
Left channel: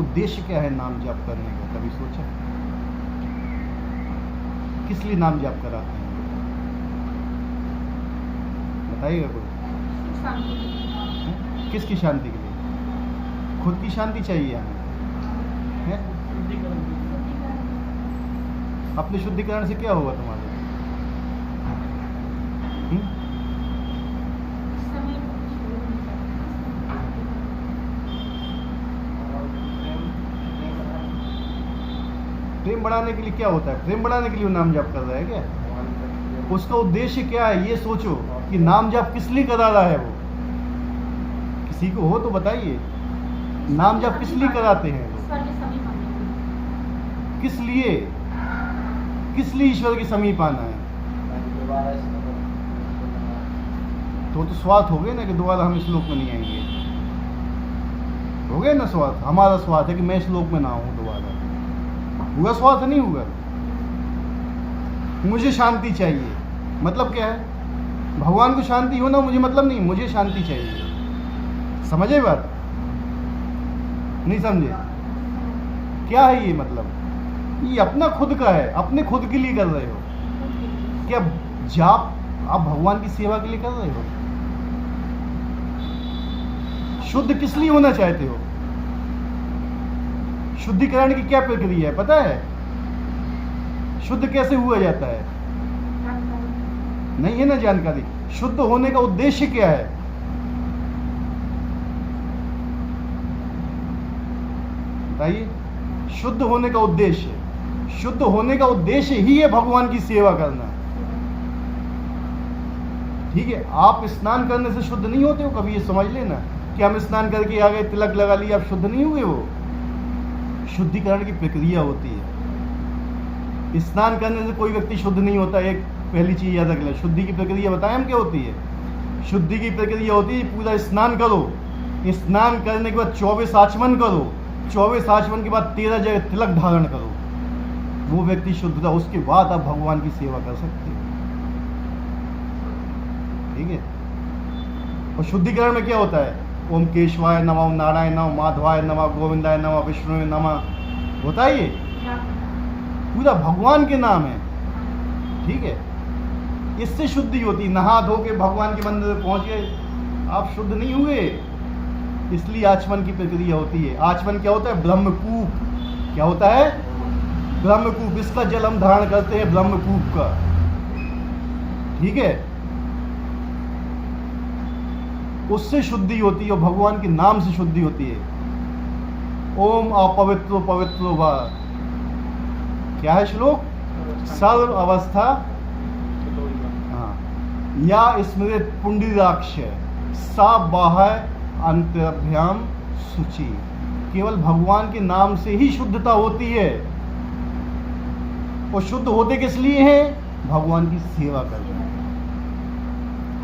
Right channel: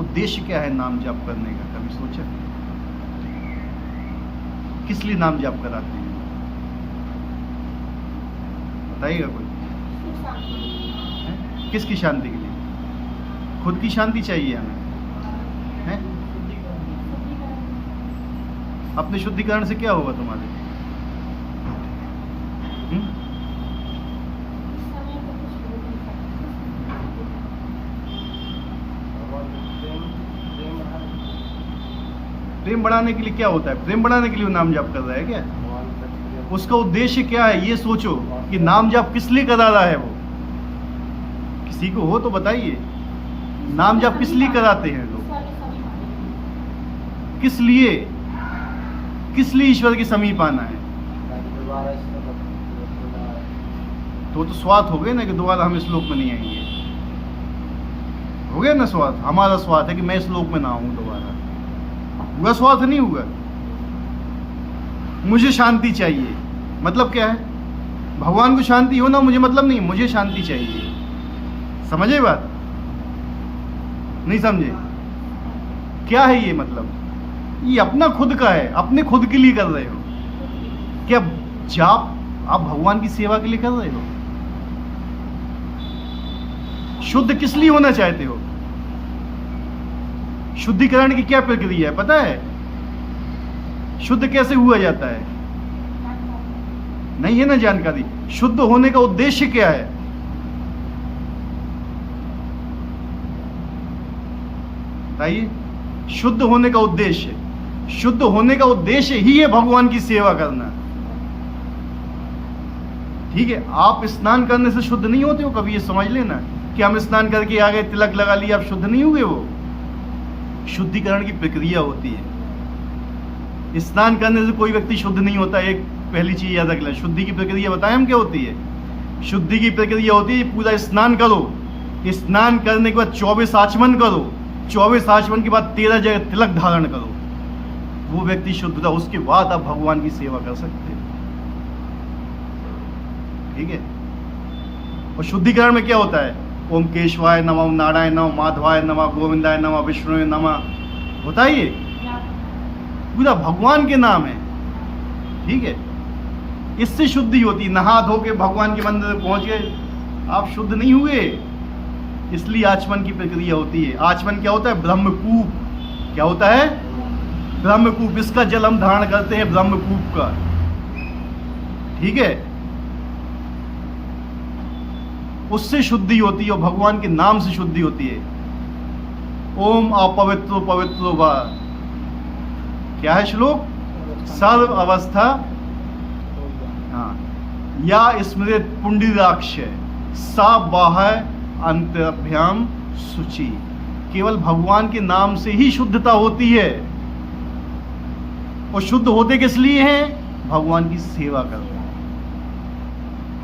उद्देश्य क्या है नाम जाप करने का, कभी सोचा? किस लिए नाम जाप कराते हैं, बताइएगा कोई? किसकी शांति के लिए? खुद की शांति चाहिए हमें, है? अपने शुद्धिकरण से क्या होगा तुम्हारे? प्रेम बढ़ाने के लिए क्या होता है? प्रेम बढ़ाने के लिए वो नाम जाप कर रहा है क्या? उसका उद्देश्य क्या है ये सोचो कि नाम जाप किस लिए करा रहा है वो। किसी को हो तो बताइए, नाम जाप किस लिए कराते हैं? किस लिए? किस लिए ईश्वर के समीप आना है? तो स्वार्थ हो गए ना कि दोबारा हम इस लोक में नहीं आएंगे, हो गया ना स्वार्थ। हमारा स्वार्थ है कि मैं इस लोक में ना आऊं दोबारा, हुआ स्वार्थ? नहीं हुआ। मुझे शांति चाहिए, मतलब क्या है? भगवान को शांति हो ना, मुझे मतलब नहीं, मुझे शांति चाहिए। समझे बात? नहीं समझे? क्या है ये मतलब? ये अपना खुद का है, अपने खुद के लिए कर रहे हो क्या? जाप आप भगवान की सेवा के लिए कर रहे हो? शुद्ध किस लिए होना चाहते हो? शुद्धिकरण की क्या प्रक्रिया है पता है? शुद्ध कैसे हुआ जाता है? नहीं है ना जानकारी। शुद्ध होने का उद्देश्य क्या है? बताइए। शुद्ध होने का उद्देश्य, शुद्ध होने का उद्देश्य ही है भगवान की सेवा करना। ठीक है, आप स्नान करने से शुद्ध नहीं होते हो। कभी ये समझ लेना कि हम स्नान करके आ गए, तिलक लगा लिया, आप शुद्ध नहीं हुए। वो शुद्धिकरण की प्रक्रिया होती है। स्नान करने से कोई व्यक्ति शुद्ध नहीं होता। एक पहली चीज याद रख लें। शुद्धि की प्रक्रिया बताएं हम क्या होती है। शुद्धि की प्रक्रिया होती है पूरा स्नान करो, स्नान करने के बाद 24 आचमन करो, 24 आचमन के बाद 13 जगह तिलक धारण करो, वो व्यक्ति शुद्ध था। उसके बाद आप भगवान की सेवा कर सकते हो। ठीक है। और शुद्धिकरण में क्या होता है? ओम केशवाय नमः, ओम नारायण नमः, माधवाय नमः, गोविंदाय नमः, विष्णुवे नमः, होता है ये पूरा भगवान के नाम है। ठीक है, इससे शुद्धि होती। नहा धो के भगवान के मंदिर पहुंच गए, आप शुद्ध नहीं हुए। इसलिए आचमन की प्रक्रिया होती है। आचमन क्या होता है? ब्रह्मकूप। क्या होता है? ब्रह्मकूप। इसका जल हम धारण करते हैं, ब्रह्मकूप का। ठीक है, उससे शुद्धि होती है और भगवान के नाम से शुद्धि होती है। ओम अपवित्रो पवित्रो वा, क्या है श्लोक? सर्व अवस्था या स्मृत पुंडरीकाक्ष सा बाह्य अंतर्भ्याम शुचि। केवल भगवान के नाम से ही शुद्धता होती है। और शुद्ध होते किस लिए हैं? भगवान की सेवा कर रहे हैं।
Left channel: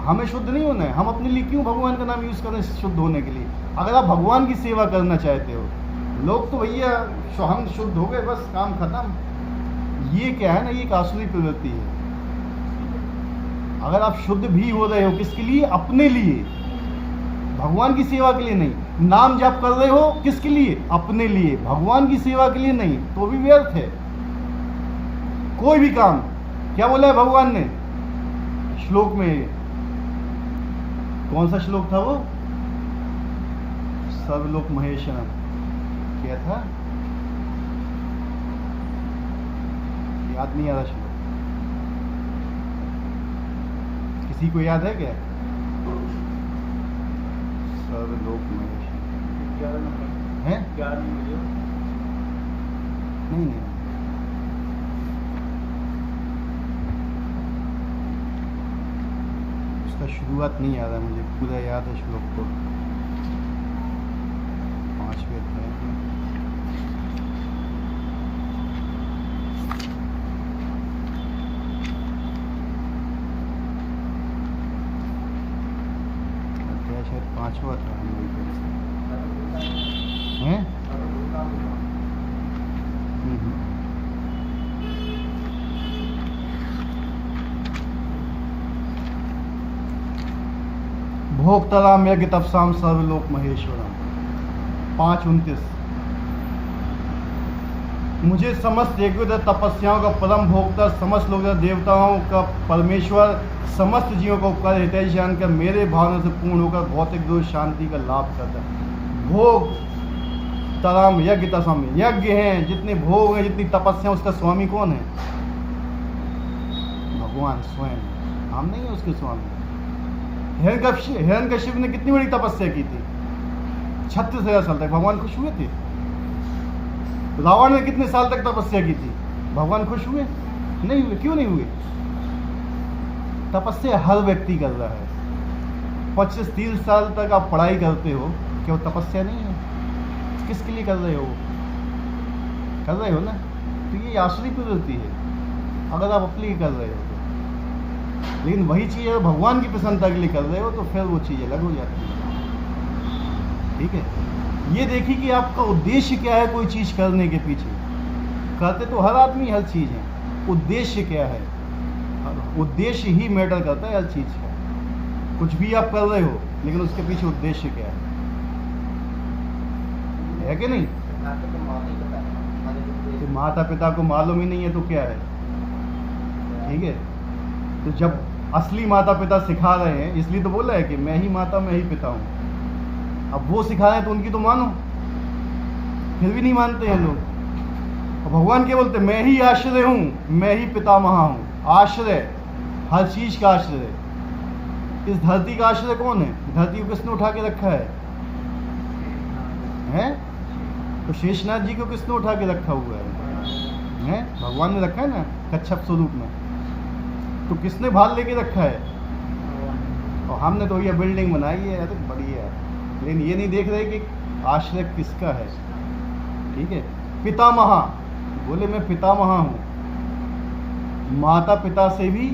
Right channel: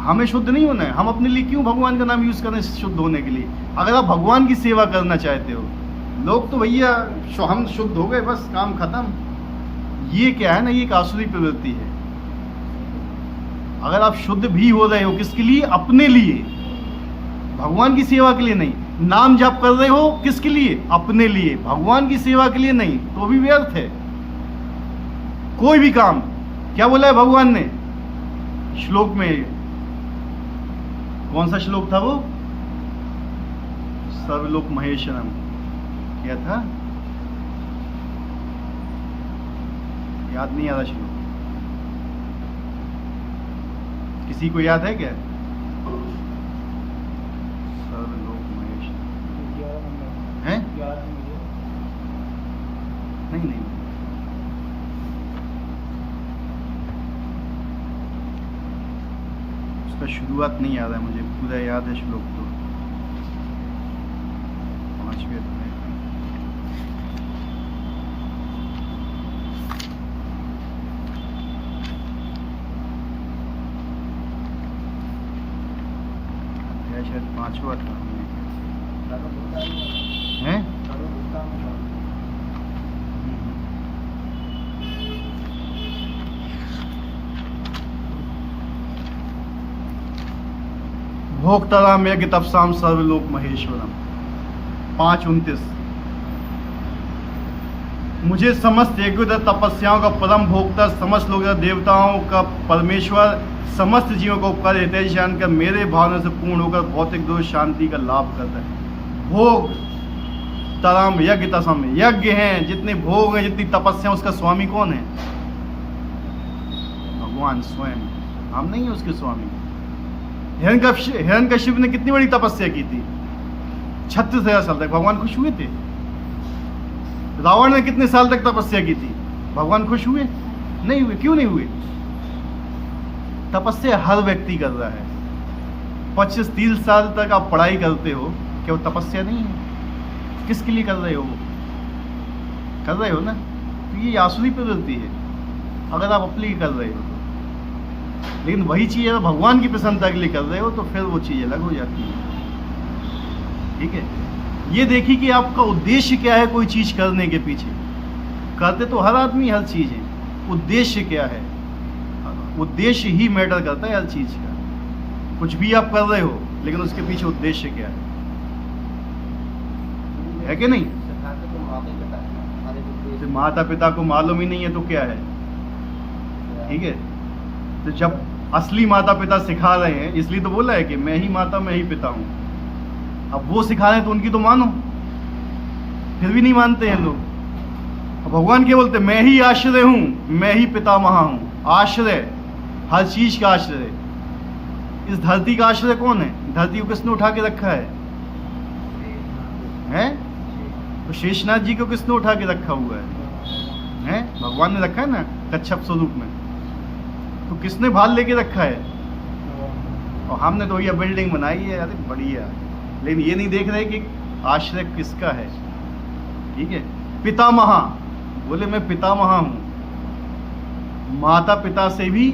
हमें शुद्ध नहीं होना है। हम अपने लिए क्यों भगवान का नाम यूज कर रहे हैं? शुद्ध होने के लिए। अगर आप भगवान की सेवा करना चाहते हो, लोग तो भैया हम शुद्ध हो गए बस काम खत्म। ये क्या है ना, ये एक आसुरी प्रवृत्ति है। अगर आप शुद्ध भी हो रहे हो, किसके लिए? अपने लिए, भगवान की सेवा के लिए नहीं। नाम जप कर रहे हो किसके लिए? अपने लिए, भगवान की सेवा के लिए नहीं, तो भी व्यर्थ है कोई भी काम। क्या बोला है भगवान ने श्लोक में? कौन सा श्लोक था वो? सर्वलोक महेश्वरम। क्या था? याद नहीं आ रहा श्लोक। किसी को याद है क्या? सर्वलोक महेश्वरम है? नहीं, उसका शुरुआत नहीं याद है मुझे, पूरा याद है श्लोक को। शायद 5वां था हैं? भोक्ताराम यज्ञ तपसाम सर्वलोक महेश्वरम 5:29। मुझे समस्त यज्ञ तपस्याओं का परम भोक्ता, समस्त लोग देवताओं का परमेश्वर, समस्त जीवों को उपकार हितैषी जानकर मेरे भावना से पूर्ण होकर भौतिक दोष शांति का लाभ करता है। भोग तराम यज्ञ तसम, यज्ञ हैं जितने भोग हैं, जितनी तपस्या, उसका स्वामी कौन है? भगवान स्वयं। हम नहीं है उसके स्वामी। हिरण्यकश्यप ने कितनी बड़ी तपस्या की थी? 36,000 साल तक। भगवान खुश हुए थे? रावण ने कितने साल तक तपस्या की थी? भगवान खुश हुए? नहीं हुए। क्यों नहीं हुए? तपस्या हर व्यक्ति कर रहा है। 25-30 साल तक आप पढ़ाई करते हो, क्या वो तपस्या नहीं है? किसके लिए कर रहे हो? कर रहे हो ना। तो ये आसुरी प्रवृत्ति है अगर आप अपने लिए कर रहे हो। लेकिन वही चीज अगर भगवान की प्रसन्नता के लिए कर रहे हो तो फिर वो चीज अलग हो जाती है। ठीक है, ये देखिए कि आपका उद्देश्य क्या है कोई चीज करने के पीछे। करते तो हर आदमी हर चीज है, उद्देश्य क्या है? उद्देश्य ही मैटर करता है हर चीज का। कुछ भी आप कर रहे हो लेकिन उसके पीछे उद्देश्य क्या है कि नहीं? तो माता पिता को मालूम ही नहीं है तो क्या है? ठीक है, तो जब असली माता पिता सिखा रहे हैं, इसलिए तो बोला है कि मैं ही माता मैं ही पिता हूँ। अब वो सिखा रहे हैं तो उनकी तो मानो, फिर भी नहीं मानते हैं लोग। और भगवान क्या बोलते हैं, मैं ही आश्रय हूं, मैं ही पितामह हूं। आश्रय, हर चीज का आश्रय। इस धरती का आश्रय कौन है? धरती को किसने उठा के रखा है? तो शेषनाथ जी को किसने उठा के रखा हुआ है? भगवान ने रखा है ना, कच्छप स्वरूप में। तो किसने भाल लेके रखा है? और हमने तो ये बिल्डिंग बनाई है, अरे बढ़िया, लेकिन ये नहीं देख रहे कि आश्रय किसका है। ठीक है, पितामह, बोले मैं पितामह हूं, माता पिता से भी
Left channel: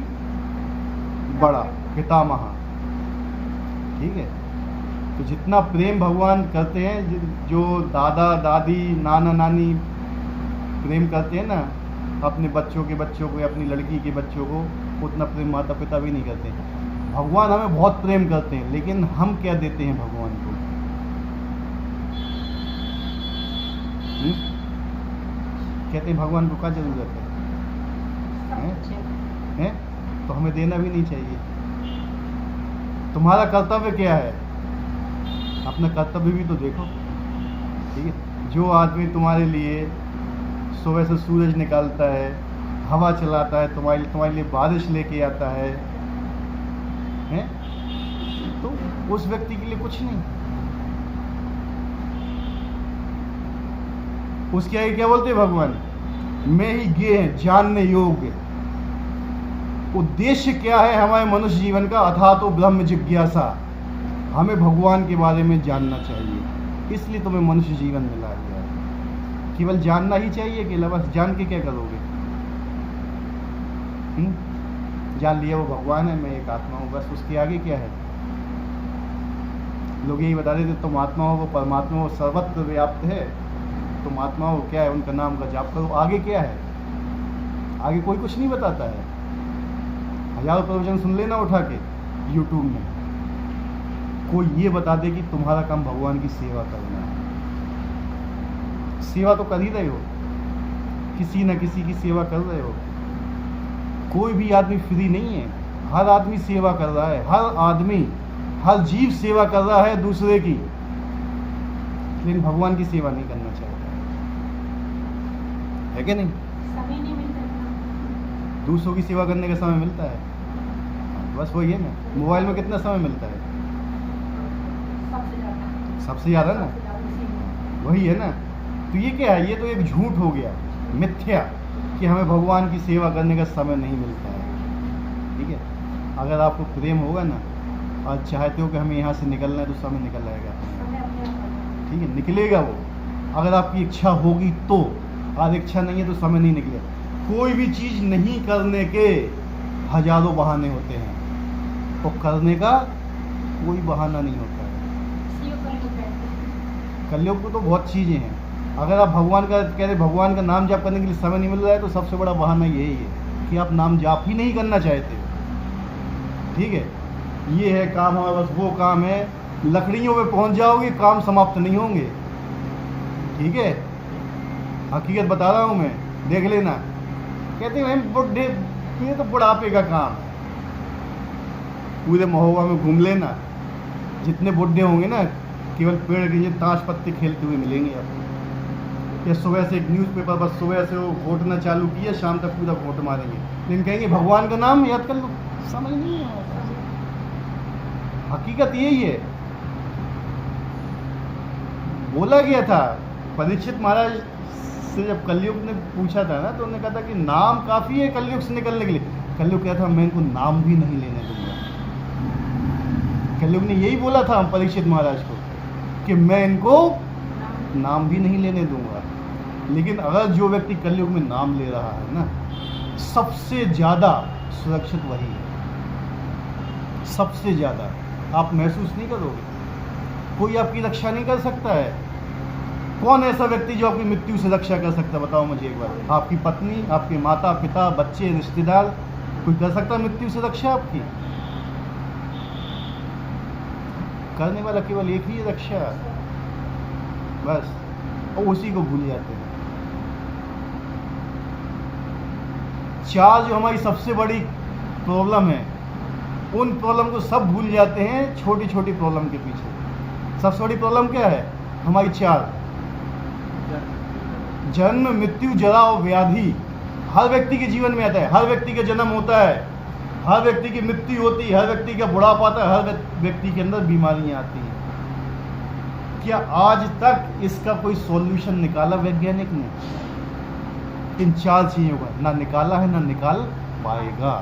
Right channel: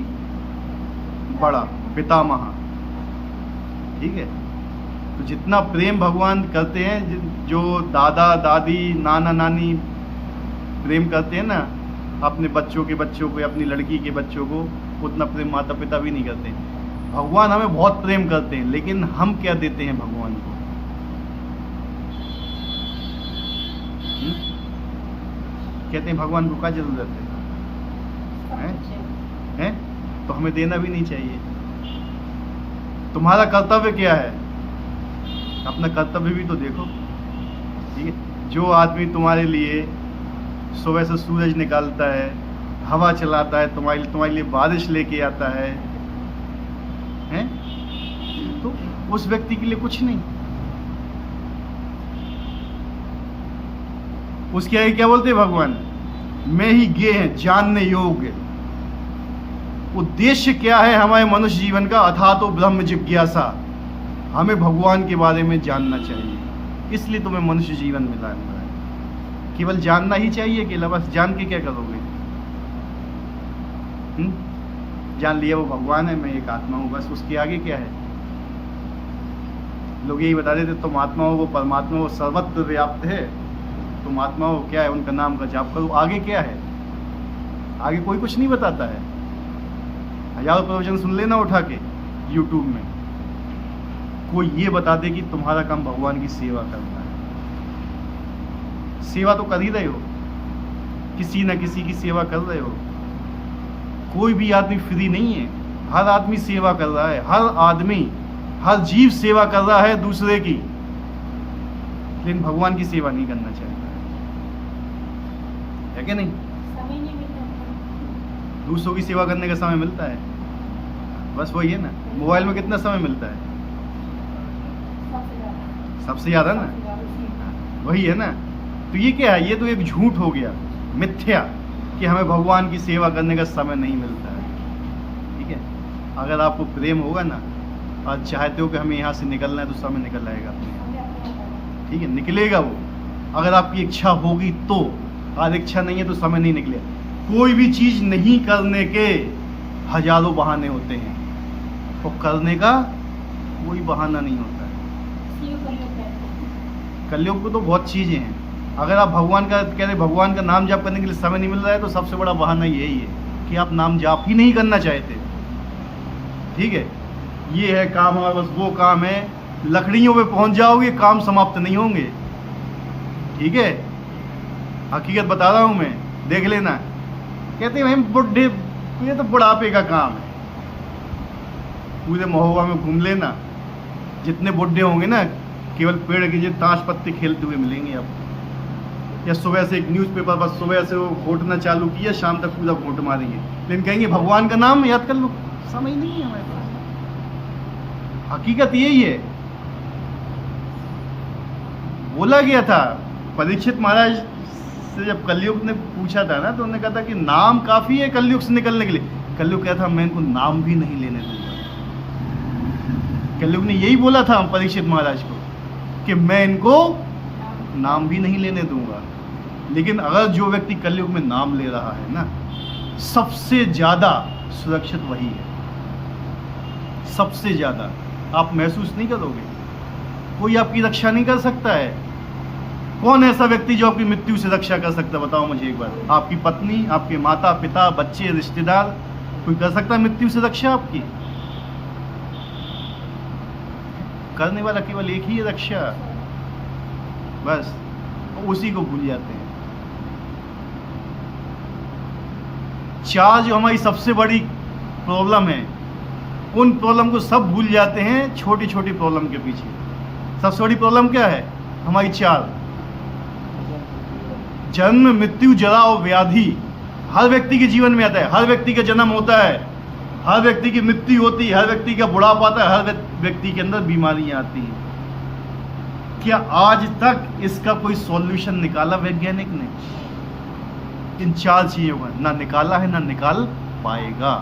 बड़ा पितामह। ठीक है, तो जितना प्रेम भगवान करते हैं, जो दादा दादी नाना नानी प्रेम करते हैं ना अपने बच्चों के बच्चों को, अपनी लड़की के बच्चों को, उतना प्रेम माता पिता भी नहीं करते। भगवान हमें बहुत प्रेम करते हैं, लेकिन हम क्या देते हैं भगवान को? कहते हैं भगवान को क्या जरूरत है? तो हमें देना भी नहीं चाहिए। तुम्हारा कर्तव्य क्या है? अपना कर्तव्य भी तो देखो। ठीक है, जो आदमी तुम्हारे लिए सुबह से सूरज निकालता है, हवा चलाता है, तुम्हारे लिए बारिश लेके आता है, तो उस व्यक्ति के लिए कुछ नहीं। उसके आगे क्या बोलते हैं भगवान? मैं ही गे है जानने योग्य। उद्देश्य क्या है हमारे मनुष्य जीवन का? अथा तो ब्रह्म जिज्ञासा, हमें भगवान के बारे में जानना चाहिए, इसलिए तुम्हें मनुष्य जीवन मिला है। केवल जानना ही चाहिए, केवल बस जान के क्या करोगे? जान लिया वो भगवान है, मैं एक आत्मा हूँ, बस। उसके आगे क्या है? लोग यही बता देते तुम आत्मा हो, वो परमात्मा, वो सर्वत्र व्याप्त है, तुम आत्मा हो, क्या है? उनका नाम का जाप करो। आगे क्या है? आगे कोई कुछ नहीं बताता है। हजारों प्रवचन सुन लेना उठा के यूट्यूब में, कोई ये बता दे कि तुम्हारा काम भगवान की सेवा करना है। सेवा तो कर ही रहे हो, किसी न किसी की सेवा कर रहे हो। कोई भी आदमी फ्री नहीं है, हर आदमी सेवा कर रहा है। हर आदमी, हर जीव सेवा कर रहा है दूसरे की, लेकिन भगवान की सेवा नहीं करना चाहिए, है कि नहीं? समय नहीं मिलता। दूसरों की सेवा करने का समय मिलता है, बस वही है ना। मोबाइल में कितना समय मिलता है? सबसे ज्यादा ना, वही है ना। तो ये क्या है? ये तो एक झूठ हो गया, मिथ्या, कि हमें भगवान की सेवा करने का समय नहीं मिलता है। ठीक है, अगर आपको प्रेम होगा ना और चाहते हो कि हमें यहाँ से निकलना है, तो समय निकल आएगा। ठीक है, निकलेगा वो, अगर आपकी इच्छा होगी तो। आज इच्छा नहीं है तो समय नहीं निकलेगा। कोई भी चीज नहीं करने के हजारों बहाने होते हैं, और करने का कोई बहाना नहीं होता है। कलयुग को तो बहुत चीजें हैं। अगर आप भगवान का कह रहे, भगवान का नाम जाप करने के लिए समय नहीं मिल रहा है, तो सबसे बड़ा बहाना यही है कि आप नाम जाप ही नहीं करना चाहते। ठीक है, ये है काम, और बस वो काम है, लकड़ियों पे पहुंच जाओगे, काम समाप्त नहीं होंगे। ठीक है, हकीकत बता रहा हूं मैं, देख लेना। कहते हैं बुढ़े, ये तो बुढ़ापे का काम है। पूरे महोबा में घूम लेना, जितने बुढ़े होंगे ना, केवल पेड़ के ताश पत्ते खेलते हुए मिलेंगे आपको। या सुबह से एक न्यूज़पेपर, बस सुबह से वो घोटना चालू किया, शाम तक पूरा घोट मारेंगे, लेकिन कहेंगे भगवान का नाम याद कर लो। समय नहीं है हमारे पास। हकीकत यही है। बोला गया था परीक्षित महाराज से, जब कलयुग ने पूछा था ना, तो उन्होंने कहा था कि नाम काफी है कलयुग से निकलने के लिए। कलयुग क्या था, मैं इनको नाम भी नहीं लेने दूंगा। कलयुग ने यही बोला था परीक्षित महाराज को कि मैं इनको नाम भी नहीं लेने दूंगा। लेकिन अगर जो व्यक्ति कलयुग में नाम ले रहा है ना, सबसे ज्यादा सुरक्षित वही है, सबसे ज्यादा। आप महसूस नहीं करोगे, कोई आपकी रक्षा नहीं कर सकता है। कौन ऐसा व्यक्ति जो आपकी मृत्यु से रक्षा कर सकता है? बताओ मुझे एक बार। आपकी पत्नी, आपके माता पिता, बच्चे, रिश्तेदार, कोई कर सकता है मृत्यु से रक्षा आपकी? करने वाला केवल एक ही है रक्षा, बस। और उसी को भूल जाते हैं। चार जो हमारी सबसे बड़ी प्रॉब्लम है, उन प्रॉब्लम को सब भूल जाते हैं छोटी छोटी प्रॉब्लम के पीछे। सबसे बड़ी प्रॉब्लम क्या है? हमारी चार: जन्म, मृत्यु, जरा और व्याधि। हर व्यक्ति के जीवन में आता है, हर व्यक्ति का जन्म होता है, हर व्यक्ति की मृत्यु होती है, हर व्यक्ति का बुढ़ापा आता है, हर व्यक्ति के अंदर बीमारियां आती हैं। क्या आज तक इसका कोई सॉल्यूशन निकाला वैज्ञानिक ने? इन चार चीजों का ना निकाला है, ना निकाल पाएगा।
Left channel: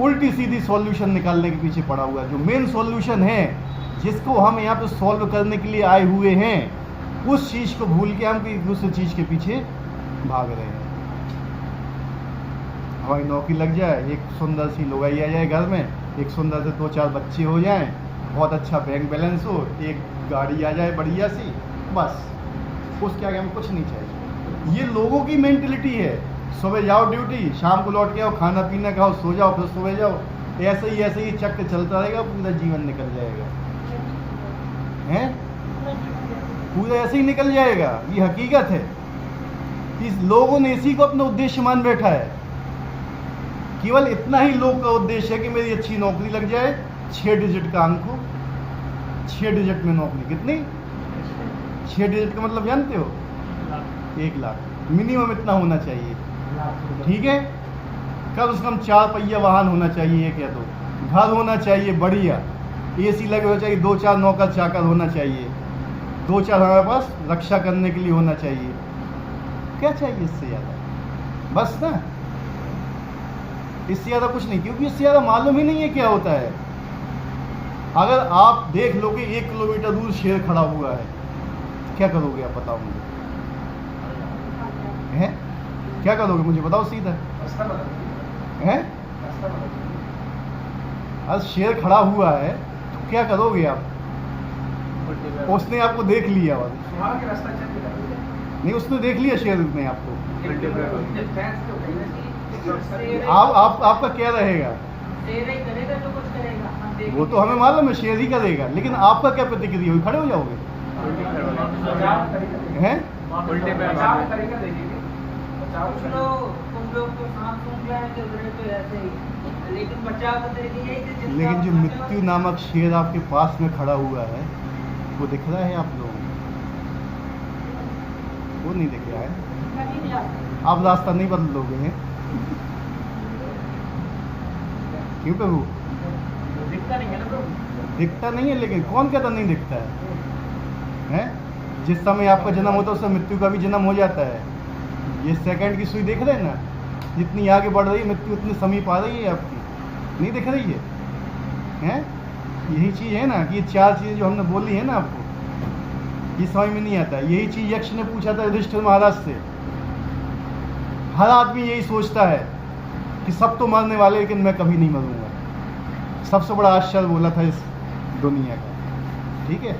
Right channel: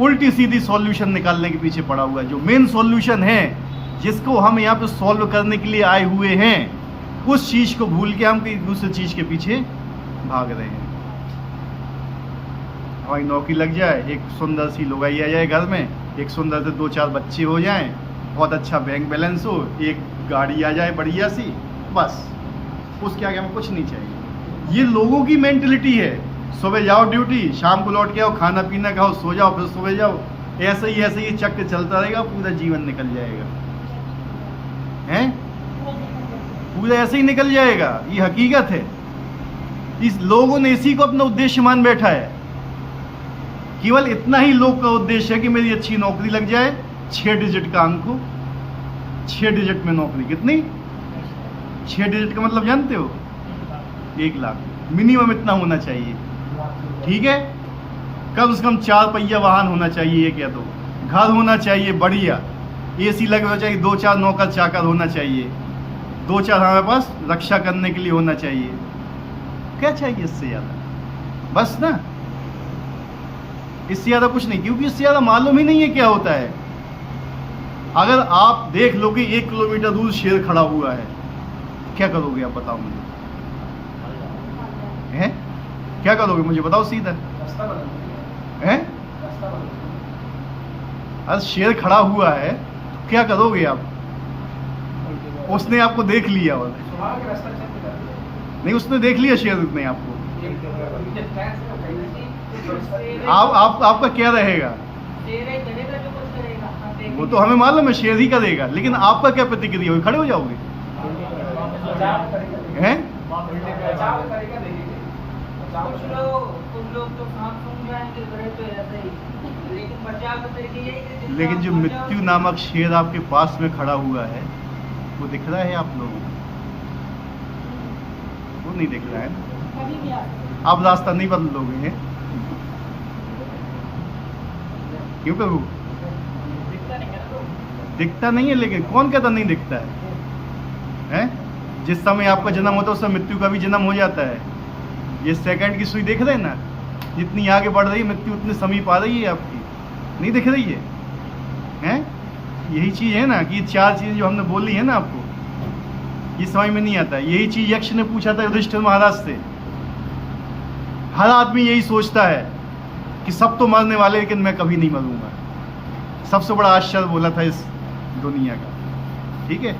उल्टी सीधी सॉल्यूशन निकालने के पीछे पड़ा हुआ है। जो मेन सॉल्यूशन है, जिसको हम यहाँ पे सॉल्व करने के लिए आए हुए हैं, उस चीज को भूल के हम एक दूसरे चीज के पीछे भाग रहे हैं। वही नौकरी लग जाए, एक सुंदर सी लुगाई आ जाए घर में, एक सुंदर से 2-4 बच्चे हो जाएं, बहुत अच्छा बैंक बैलेंस हो, एक गाड़ी आ जाए बढ़िया सी, बस उसके आगे हमें कुछ नहीं चाहिए। ये लोगों की मेंटलिटी है। सुबह जाओ ड्यूटी, शाम को लौट के आओ, खाना पीना खाओ, सो जाओ, फिर सुबह जाओ, ऐसे ही चक्कर चलता रहेगा, पूरा जीवन निकल जाएगा। हैं? पूरा ऐसे ही निकल जाएगा। ये हकीकत है। इस लोगों ने इसी को अपना उद्देश्य मान बैठा है। केवल इतना ही लोग का उद्देश्य है कि मेरी अच्छी नौकरी लग जाए, 6 डिजिट का अंक हो, 6 डिजिट में नौकरी। कितनी? 6 डिजिट का मतलब जानते हो? 1 लाख मिनिमम इतना होना चाहिए। ठीक है, कम से कम 4 पहिया वाहन होना चाहिए, एक या दो, घर होना चाहिए बढ़िया, AC लगे होना चाहिए, 2-4 नौकर चाकर होना चाहिए, 2-4 हमारे पास रक्षा करने के लिए होना चाहिए। क्या चाहिए इससे ज़्यादा? बस ना, इससे ज़्यादा कुछ नहीं, क्योंकि इससे ज़्यादा मालूम ही नहीं है क्या होता है। अगर आप देख लो कि 1 किलोमीटर दूर शेर खड़ा हुआ है, क्या करोगे आप? बताओ मुझे। हैं? क्या करोगे मुझे बताओ सीधा। हैं? अरे शेर खड़ा हुआ है, क्या करोगे आप? उसने आपको देख लिया और नहीं, उसने देख लिया शेर ने आपको, आपका क्या रहेगा? वो तो हमें मालूम है शेर ही करेगा, लेकिन आपका क्या प्रतिक्रिया होगी? खड़े हो जाओगे? हैं? लेकिन जो मृत्यु नामक शेर आपके पास में खड़ा हुआ है, वो दिख रहा है आप लोगों को? वो नहीं दिख रहा है। आप रास्ता नहीं बदलोगे हैं? क्यों प्रभु? दिखता नहीं है, लेकिन कौन कहता नहीं दिखता है? हैं? जिस समय आपका जन्म होता है उस समय मृत्यु का भी जन्म हो जाता है। ये सेकंड की सुई देख रहे हैं ना, जितनी आगे बढ़ रही है मृत्यु उतनी समीप आ रही है आपकी, नहीं दिख रही है? हैं? यही चीज़ है ना कि ये 4 चीज़ें जो हमने बोली है ना आपको, ये समझ में नहीं आता है। यही चीज़ यक्ष ने पूछा था युधिष्ठिर महाराज से। हर आदमी यही सोचता है कि सब तो मरने वाले, लेकिन मैं कभी नहीं मरूंगा। सबसे बड़ा आश्चर्य बोला था इस दुनिया का। ठीक है,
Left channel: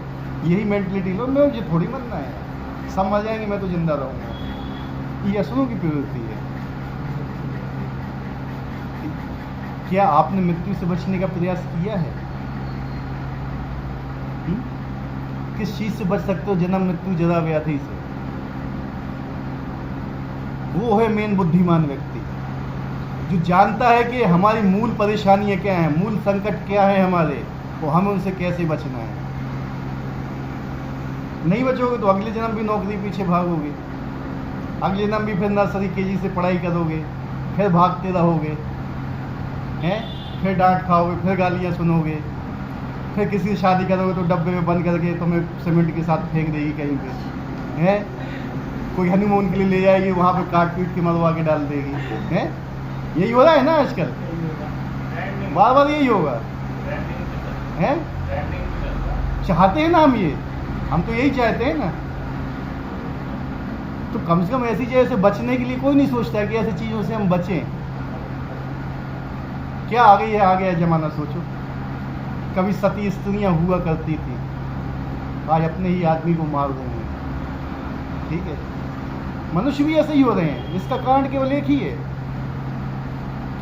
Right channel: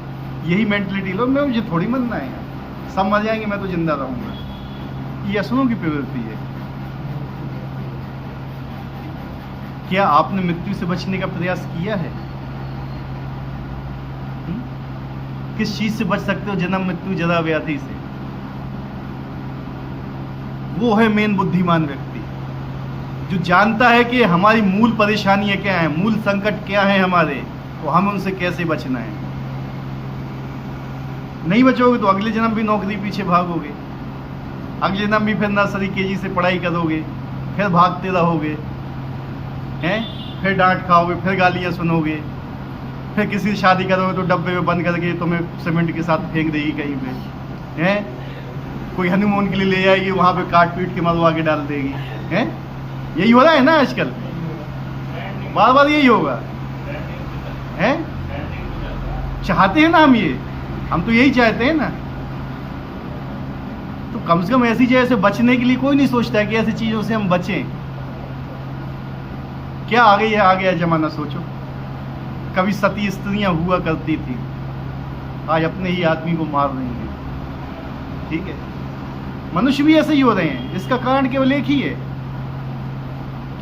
यही मेंटलिटी लो, मैं मुझे थोड़ी मरना है, सब मर जाएंगे, मैं तो जिंदा रहूंगा। ये असुरों की प्रवृत्ति है। क्या आपने मृत्यु से बचने का प्रयास किया है? किस चीज से बच सकते हो? जन्म, मृत्यु, जरा, व्याधि से। वो है मेन बुद्धिमान व्यक्ति, जो जानता है कि हमारी मूल परेशानियां क्या हैं, मूल संकट क्या है हमारे, वो हमें उनसे कैसे बचना है। नहीं बचोगे तो अगले जन्म भी नौकरी पीछे भागोगे, अगले जन्म भी फिर नर्सरी KG से पढ़ाई करोगे, फिर भागते रहोगे, हैं? फिर डांट खाओगे, फिर गालियाँ सुनोगे, फिर किसी से शादी करोगे तो डब्बे में बंद करके तुम्हें सीमेंट के साथ फेंक देगी कहीं पे, हैं? कोई हनीमून के लिए ले जाएगी, वहाँ पे काट पीट के मरवा के डाल देगी, हैं? यही हो रहा है ना आजकल, बार बार यही होगा। हैं? चाहते हैं ना हम तो यही चाहते हैं ना। तो कम से कम ऐसी चीज़ से बचने के लिए कोई नहीं सोचता है कि ऐसी चीज़ों से हम बचें। क्या आ गया जमाना, सोचो। कभी सती स्त्रियां हुआ करती थी, आज अपने ही आदमी को मार रही हैं। ठीक है, मनुष्य भी ऐसे ही हो रहे हैं। इसका कारण केवल एक ही है,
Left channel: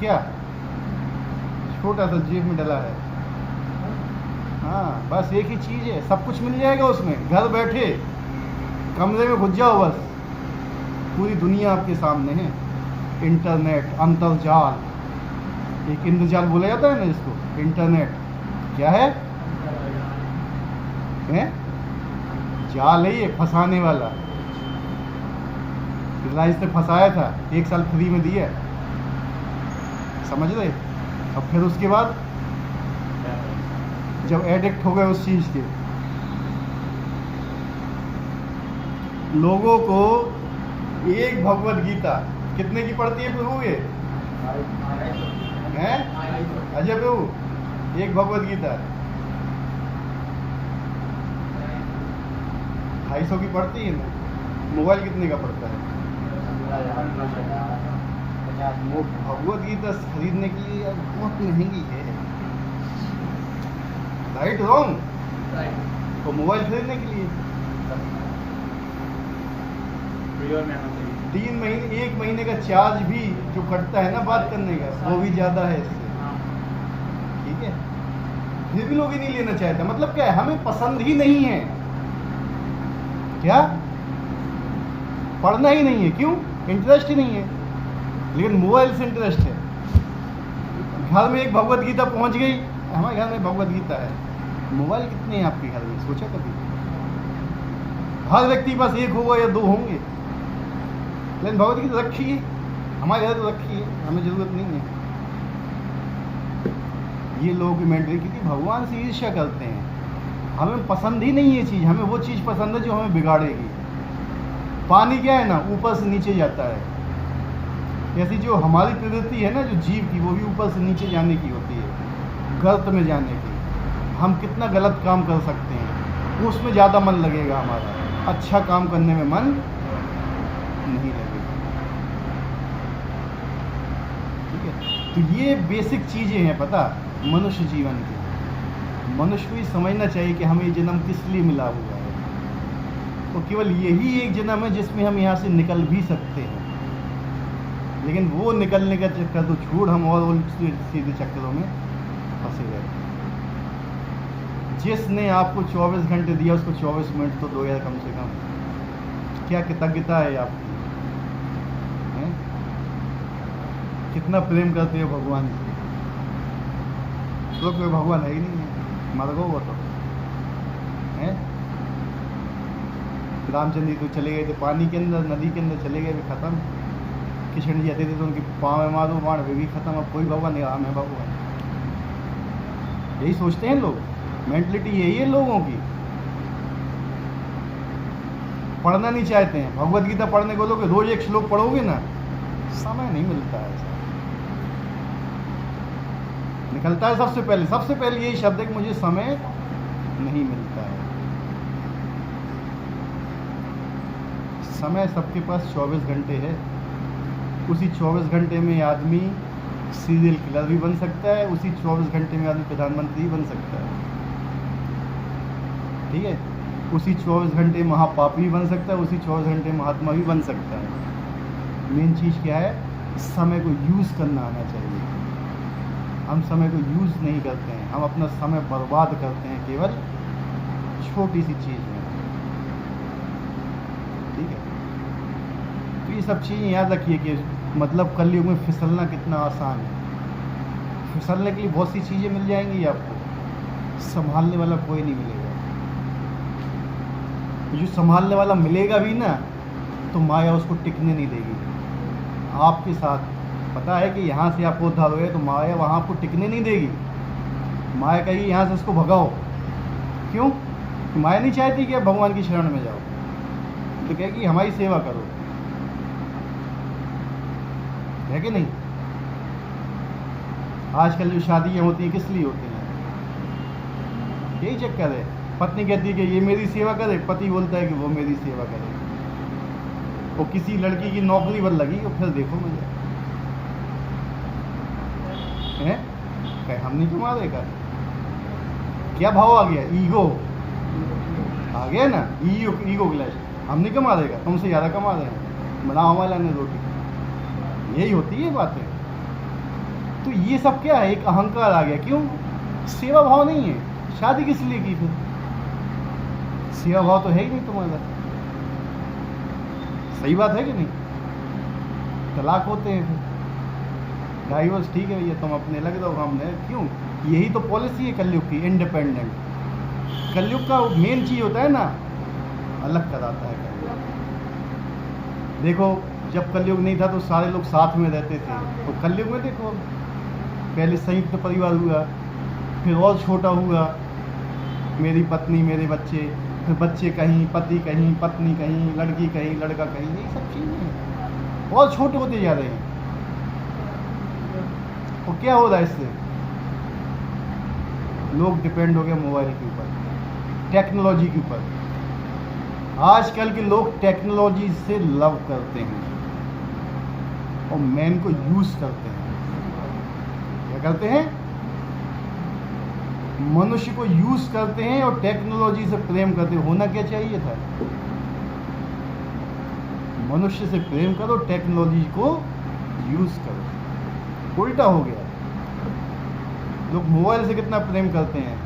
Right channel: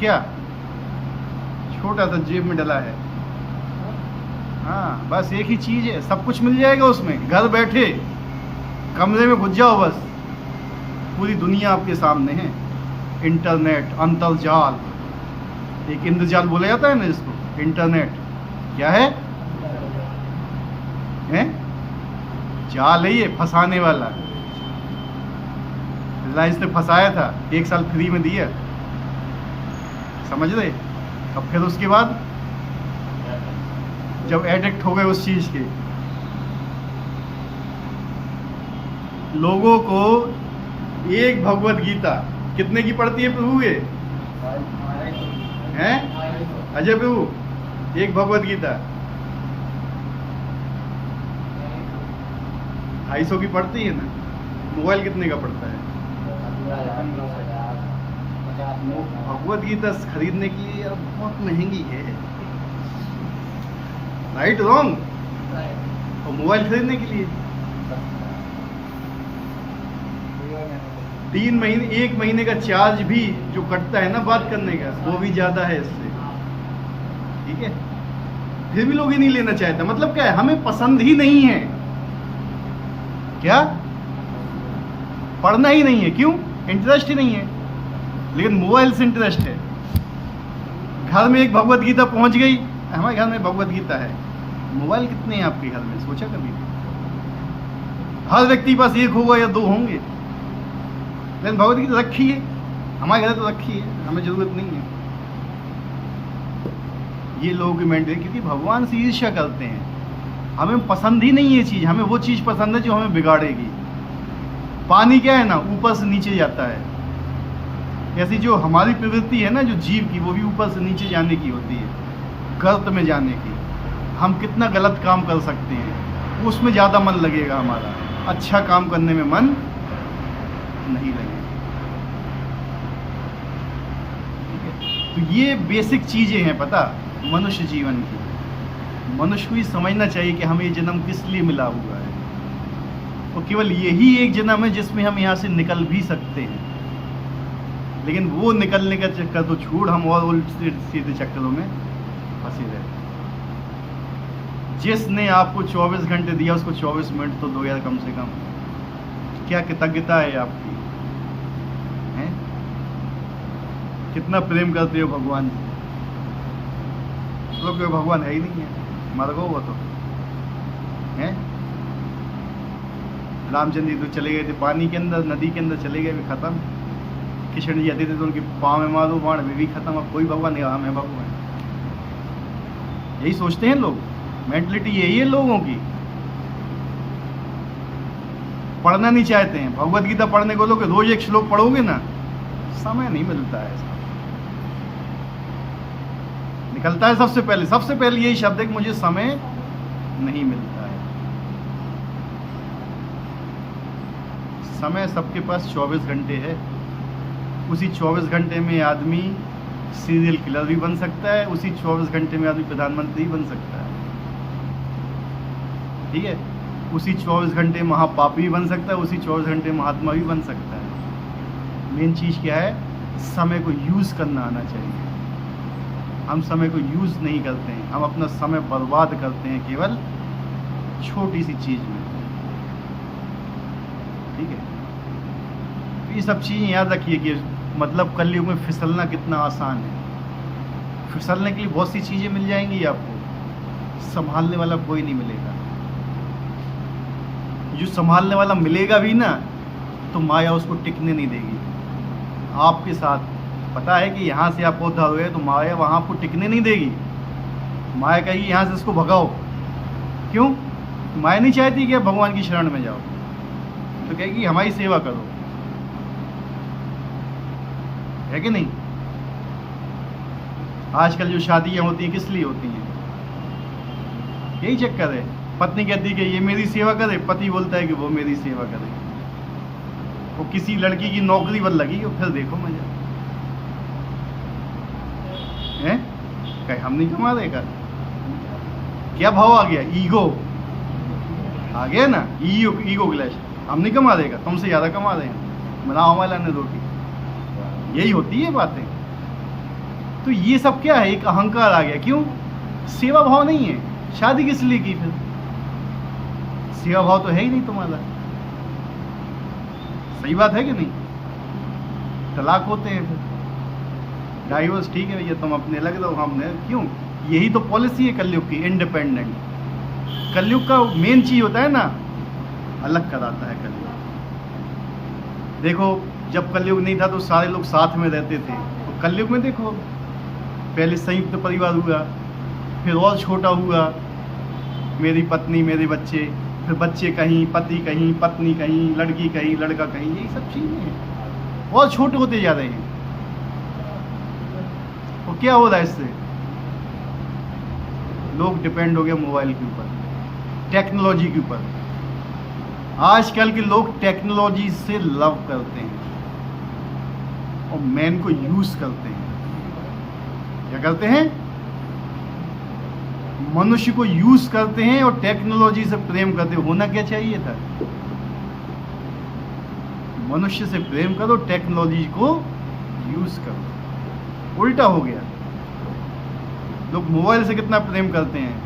क्या? छोटा सा जेब में डला है। हाँ, बस एक ही चीज़ है, सब कुछ मिल जाएगा उसमें। घर बैठे कमरे में घुस जाओ, बस पूरी दुनिया आपके सामने है। इंटरनेट, अंतरजाल, एक इंद्रजाल बोला जाता है ना इसको, इंटरनेट क्या है? हैं? जाल है ये फंसाने वाला। रिलायंस ने फंसाया था, 1 साल फ्री में दिया, समझ रहे? अब फिर उसके बाद जब एडिक्ट हो गए उस चीज के, लोगों को एक भगवत गीता कितने की पड़ती है प्रभु ये? हैं? अजय प्रभु, एक भगवत गीता 250 की पड़ती है ना? मोबाइल कितने का पड़ता है? भगवत गीता खरीदने के लिए अब बहुत महंगी है, राइट रॉन्ग? और मोबाइल खरीदने के लिए 3 महीने 1 महीने का चार्ज भी जो कटता है ना बात करने का, वो भी ज्यादा है इससे, ठीक है? फिर भी लोग ही नहीं लेना चाहता। मतलब क्या है? हमें पसंद ही नहीं है। क्या? पढ़ना ही नहीं है। क्यों? इंटरेस्ट ही नहीं है। लेकिन मोबाइल से इंटरेस्ट है। घर में एक भगवत गीता पहुंच गई, हमारे घर में भगवत गीता है, मोबाइल कितने हैं आपके घर में? सोचा कभी? हर व्यक्ति के पास 1 होगा या 2 होंगे, लेकिन भगवत गीता रखी है, हमारे घर तो रखी है, हमें जरूरत नहीं है। ये लोगों की मेंटल, क्योंकि भगवान से ईर्ष्या करते हैं। हमें पसंद ही नहीं ये चीज़, हमें वो चीज़ पसंद है जो हमें बिगाड़ेगी। पानी क्या है ना, ऊपर से नीचे जाता है। ऐसी जो हमारी प्रवृत्ति है ना, जो जीव की, वो भी ऊपर से नीचे जाने की होती है, गर्त में जाने की। हम कितना गलत काम कर सकते हैं, उसमें ज़्यादा मन लगेगा हमारा, अच्छा काम करने में मन नहीं लगेगा। ठीक है? तो ये बेसिक चीज़ें हैं पता मनुष्य जीवन की। मनुष्य को ये समझना चाहिए कि हमें ये जन्म किस लिए मिला हुआ है, और केवल यही एक जन्म है जिसमें हम यहाँ से निकल भी सकते हैं। लेकिन वो निकलने का चक्कर तो छोड़, हम और उल्टे सीधे चक्करों में फंसे रहते हैं। जिसने आपको 24 घंटे दिया उसको 24 मिनट तो दो यार कम से कम। क्या कृतज्ञता है आपकी, हैं? कितना प्रेम करते हो भगवान से। तो कोई भगवान है ही नहीं है, मर गो वो तो हैं। रामचंद्र जी तो चले गए थे पानी के अंदर, नदी के अंदर चले गए, खत्म। किशन जी आते थे तो उनके पाँव में मारो बाण, वे भी खत्म। अब कोई भगवान नहीं, हम है भगवान। यही सोचते हैं लोग, मेंटलिटी यही है लोगों की। पढ़ना नहीं चाहते हैं। भगवत गीता पढ़ने को लोग रोज 1 श्लोक पढ़ोगे ना, समय नहीं मिलता है। निकलता है सबसे पहले यही शब्द है कि मुझे समय नहीं मिलता है। समय सबके पास 24 घंटे है। उसी 24 घंटे में आदमी सीरियल किलर भी बन सकता है, उसी 24 घंटे में आदमी प्रधानमंत्री बन सकता है, ठीक है? उसी 24 घंटे महापापी भी बन सकता है, उसी 24 घंटे महात्मा भी बन सकता है। मेन चीज़ क्या है? समय को यूज़ करना आना चाहिए। हम समय को यूज़ नहीं करते हैं, हम अपना समय बर्बाद करते हैं केवल छोटी सी चीज़ में, ठीक है? तो ये सब चीज़ें याद रखिए कि मतलब कलयुग में फिसलना कितना आसान है। फिसलने के लिए बहुत सी चीज़ें मिल जाएंगी आपको, संभालने वाला कोई नहीं मिलेगा। जो संभालने वाला मिलेगा भी ना, तो माया उसको टिकने नहीं देगी। आपके साथ पता है कि यहाँ से आपको उद्धार हुए, तो माया वहाँ आपको टिकने नहीं देगी। माया कहेगी यहाँ से इसको भगाओ। क्यों? माया नहीं चाहती कि आप भगवान की शरण में जाओ, तो कहेगी हमारी सेवा करो, है कि नहीं? आजकल जो शादियाँ होती हैं किस लिए होती हैं? यही चक्कर है। पत्नी कहती है कि ये मेरी सेवा करे, पति बोलता है कि वो मेरी सेवा करे। वो किसी लड़की की नौकरी बन लगी और फिर देखो मुझे हैं, कहीं हम नहीं कमा देगा। क्या भाव आ गया? ईगो आ गया ना, ईगो क्लैश। हम नहीं कमा देगा, तुमसे ज़्यादा कमा देंगे, बनाओ हमारे लाने रोटी। यही होती है बातें। तो ये सब क्या है? एक अहंकार आ गया। क्यों? सेवा भाव नहीं है। शादी किस लिए की फिर? सेवा भाव तो है ही नहीं तुम्हारा। सही बात है कि नहीं? तलाक होते हैं फिर, डाइवोर्स, ठीक है भैया तुम अपने लग रहो, हमने क्यों? यही तो पॉलिसी है कलयुग की, इंडिपेंडेंट। कलयुग का मेन चीज होता है ना, अलग कराता है कलयुग। देखो जब कलयुग नहीं था तो सारे लोग साथ में रहते थे, तो कलयुग में देखो पहले संयुक्त परिवार हुआ, फिर और छोटा हुआ, मेरी पत्नी मेरे बच्चे, फिर बच्चे कहीं, पति कहीं, पत्नी कहीं, लड़की कहीं, लड़का कहीं, यही सब चीजें हैं, और छोटे होते जा रहे हैं। तो क्या हो रहा है इससे? लोग डिपेंड हो गए मोबाइल के ऊपर, टेक्नोलॉजी के ऊपर। आजकल के लोग टेक्नोलॉजी से लव करते हैं और मैन को यूज करते हैं। क्या करते हैं? मनुष्य को यूज करते हैं और टेक्नोलॉजी से प्रेम करते हैं। होना क्या चाहिए था? मनुष्य से प्रेम करो, टेक्नोलॉजी को यूज करो। उल्टा हो गया। लोग मोबाइल से कितना प्रेम करते हैं,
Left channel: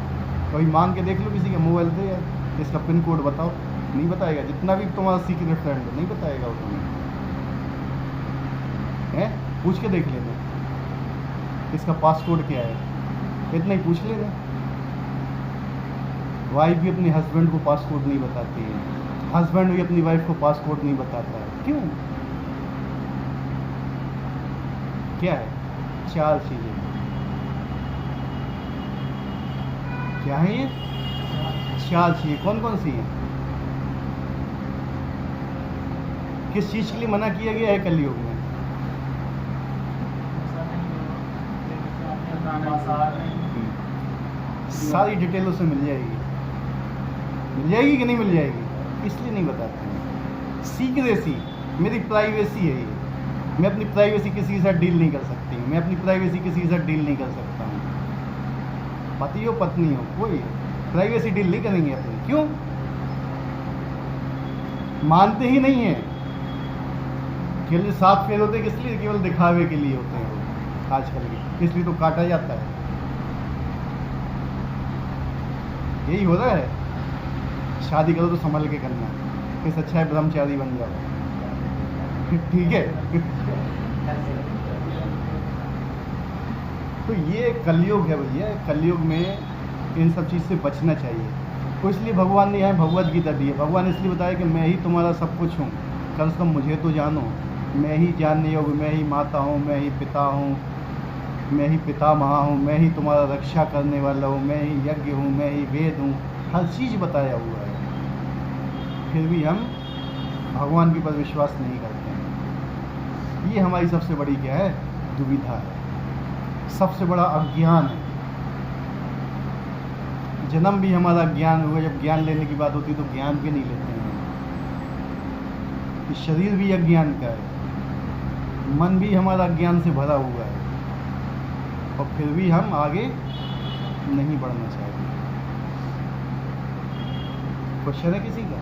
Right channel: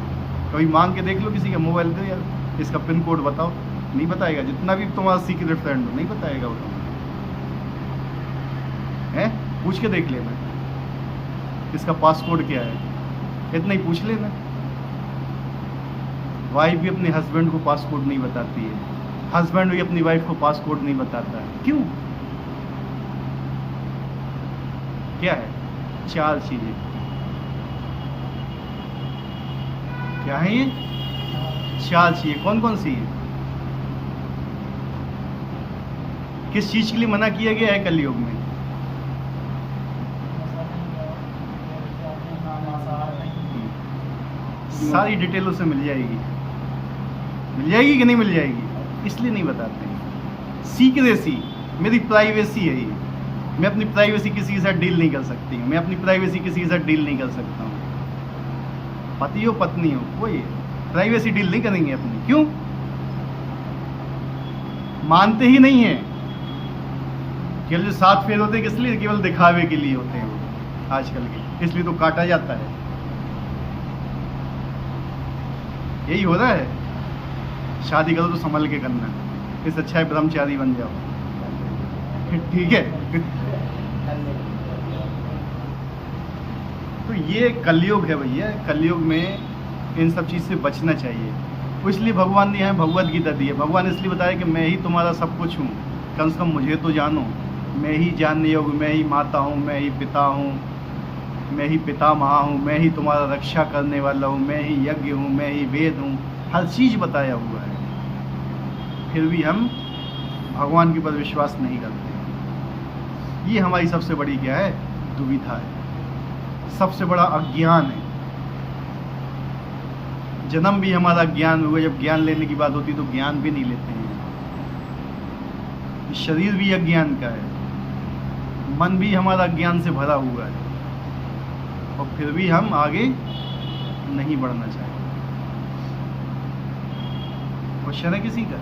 कभी मांग के देख लो किसी का मोबाइल दे यार, इसका पिन कोड बताओ, नहीं बताएगा। जितना भी तुम्हारा सीक्रेट फ्रेंड हो नहीं बताएगा वो तुम्हें, है? पूछ के देख लेना इसका पासवर्ड क्या है, इतना ही पूछ लेना। वाइफ भी अपने हस्बैंड को पासवर्ड नहीं बताती है, हस्बैंड भी अपनी वाइफ को पासवर्ड नहीं बताता है। क्यों? क्या है? 4 चीजें। क्या है ये? 4 चीजें। कौन कौन सी है? किस चीज के लिए मना किया गया है कलयुग में? सारी डिटेलों से मिल जाएगी कि नहीं मिल जाएगी? इसलिए नहीं बताते। सीक्रेसी, मेरी प्राइवेसी है ये। मैं अपनी प्राइवेसी किसी के साथ डील नहीं कर सकती, मैं अपनी प्राइवेसी किसी के साथ डील नहीं कर सकता। पति हो पत्नी हो, कोई प्राइवेसी डील नहीं करेंगे अपनी। क्यों? मानते ही नहीं है। केवल जो 7 फेर होते हैं किस लिए? केवल दिखावे के लिए होते हैं आजकल के, इसलिए तो काटा जाता है। यही हो रहा है। शादी करो तो संभल के करना है, इससे अच्छा है ब्रह्मचारी बन जाओ। ठीक है। तो ये कलयुग है भैया। कलयुग में इन सब चीज़ से बचना चाहिए। तो इसलिए भगवान ने यहाँ भगवद गीता दी है। भगवान इसलिए बताया कि मैं ही तुम्हारा सब कुछ हूँ, कम से कम मुझे तो जानो। मैं ही जानने योग्य, मैं ही माता हूँ, मैं ही पिता हूँ, मैं ही पितामह हूँ, मैं ही तुम्हारा रक्षा करने वाला हूँ, मैं ही यज्ञ हूँ, मैं ही वेद हूँ। हर चीज़ बताया हुआ है, फिर भी हम भगवान के ऊपर विश्वास नहीं करते हैं। ये हमारी सबसे बड़ी क्या है? दुविधा है, सबसे बड़ा अज्ञान है। जन्म भी हमारा ज्ञान हुआ, जब ज्ञान लेने की बात होती तो ज्ञान भी नहीं लेते हैं। शरीर भी अज्ञान का है, मन भी हमारा ज्ञान से भरा हुआ है, और फिर भी हम आगे नहीं बढ़ना चाहते। क्वेश्चन है किसी का?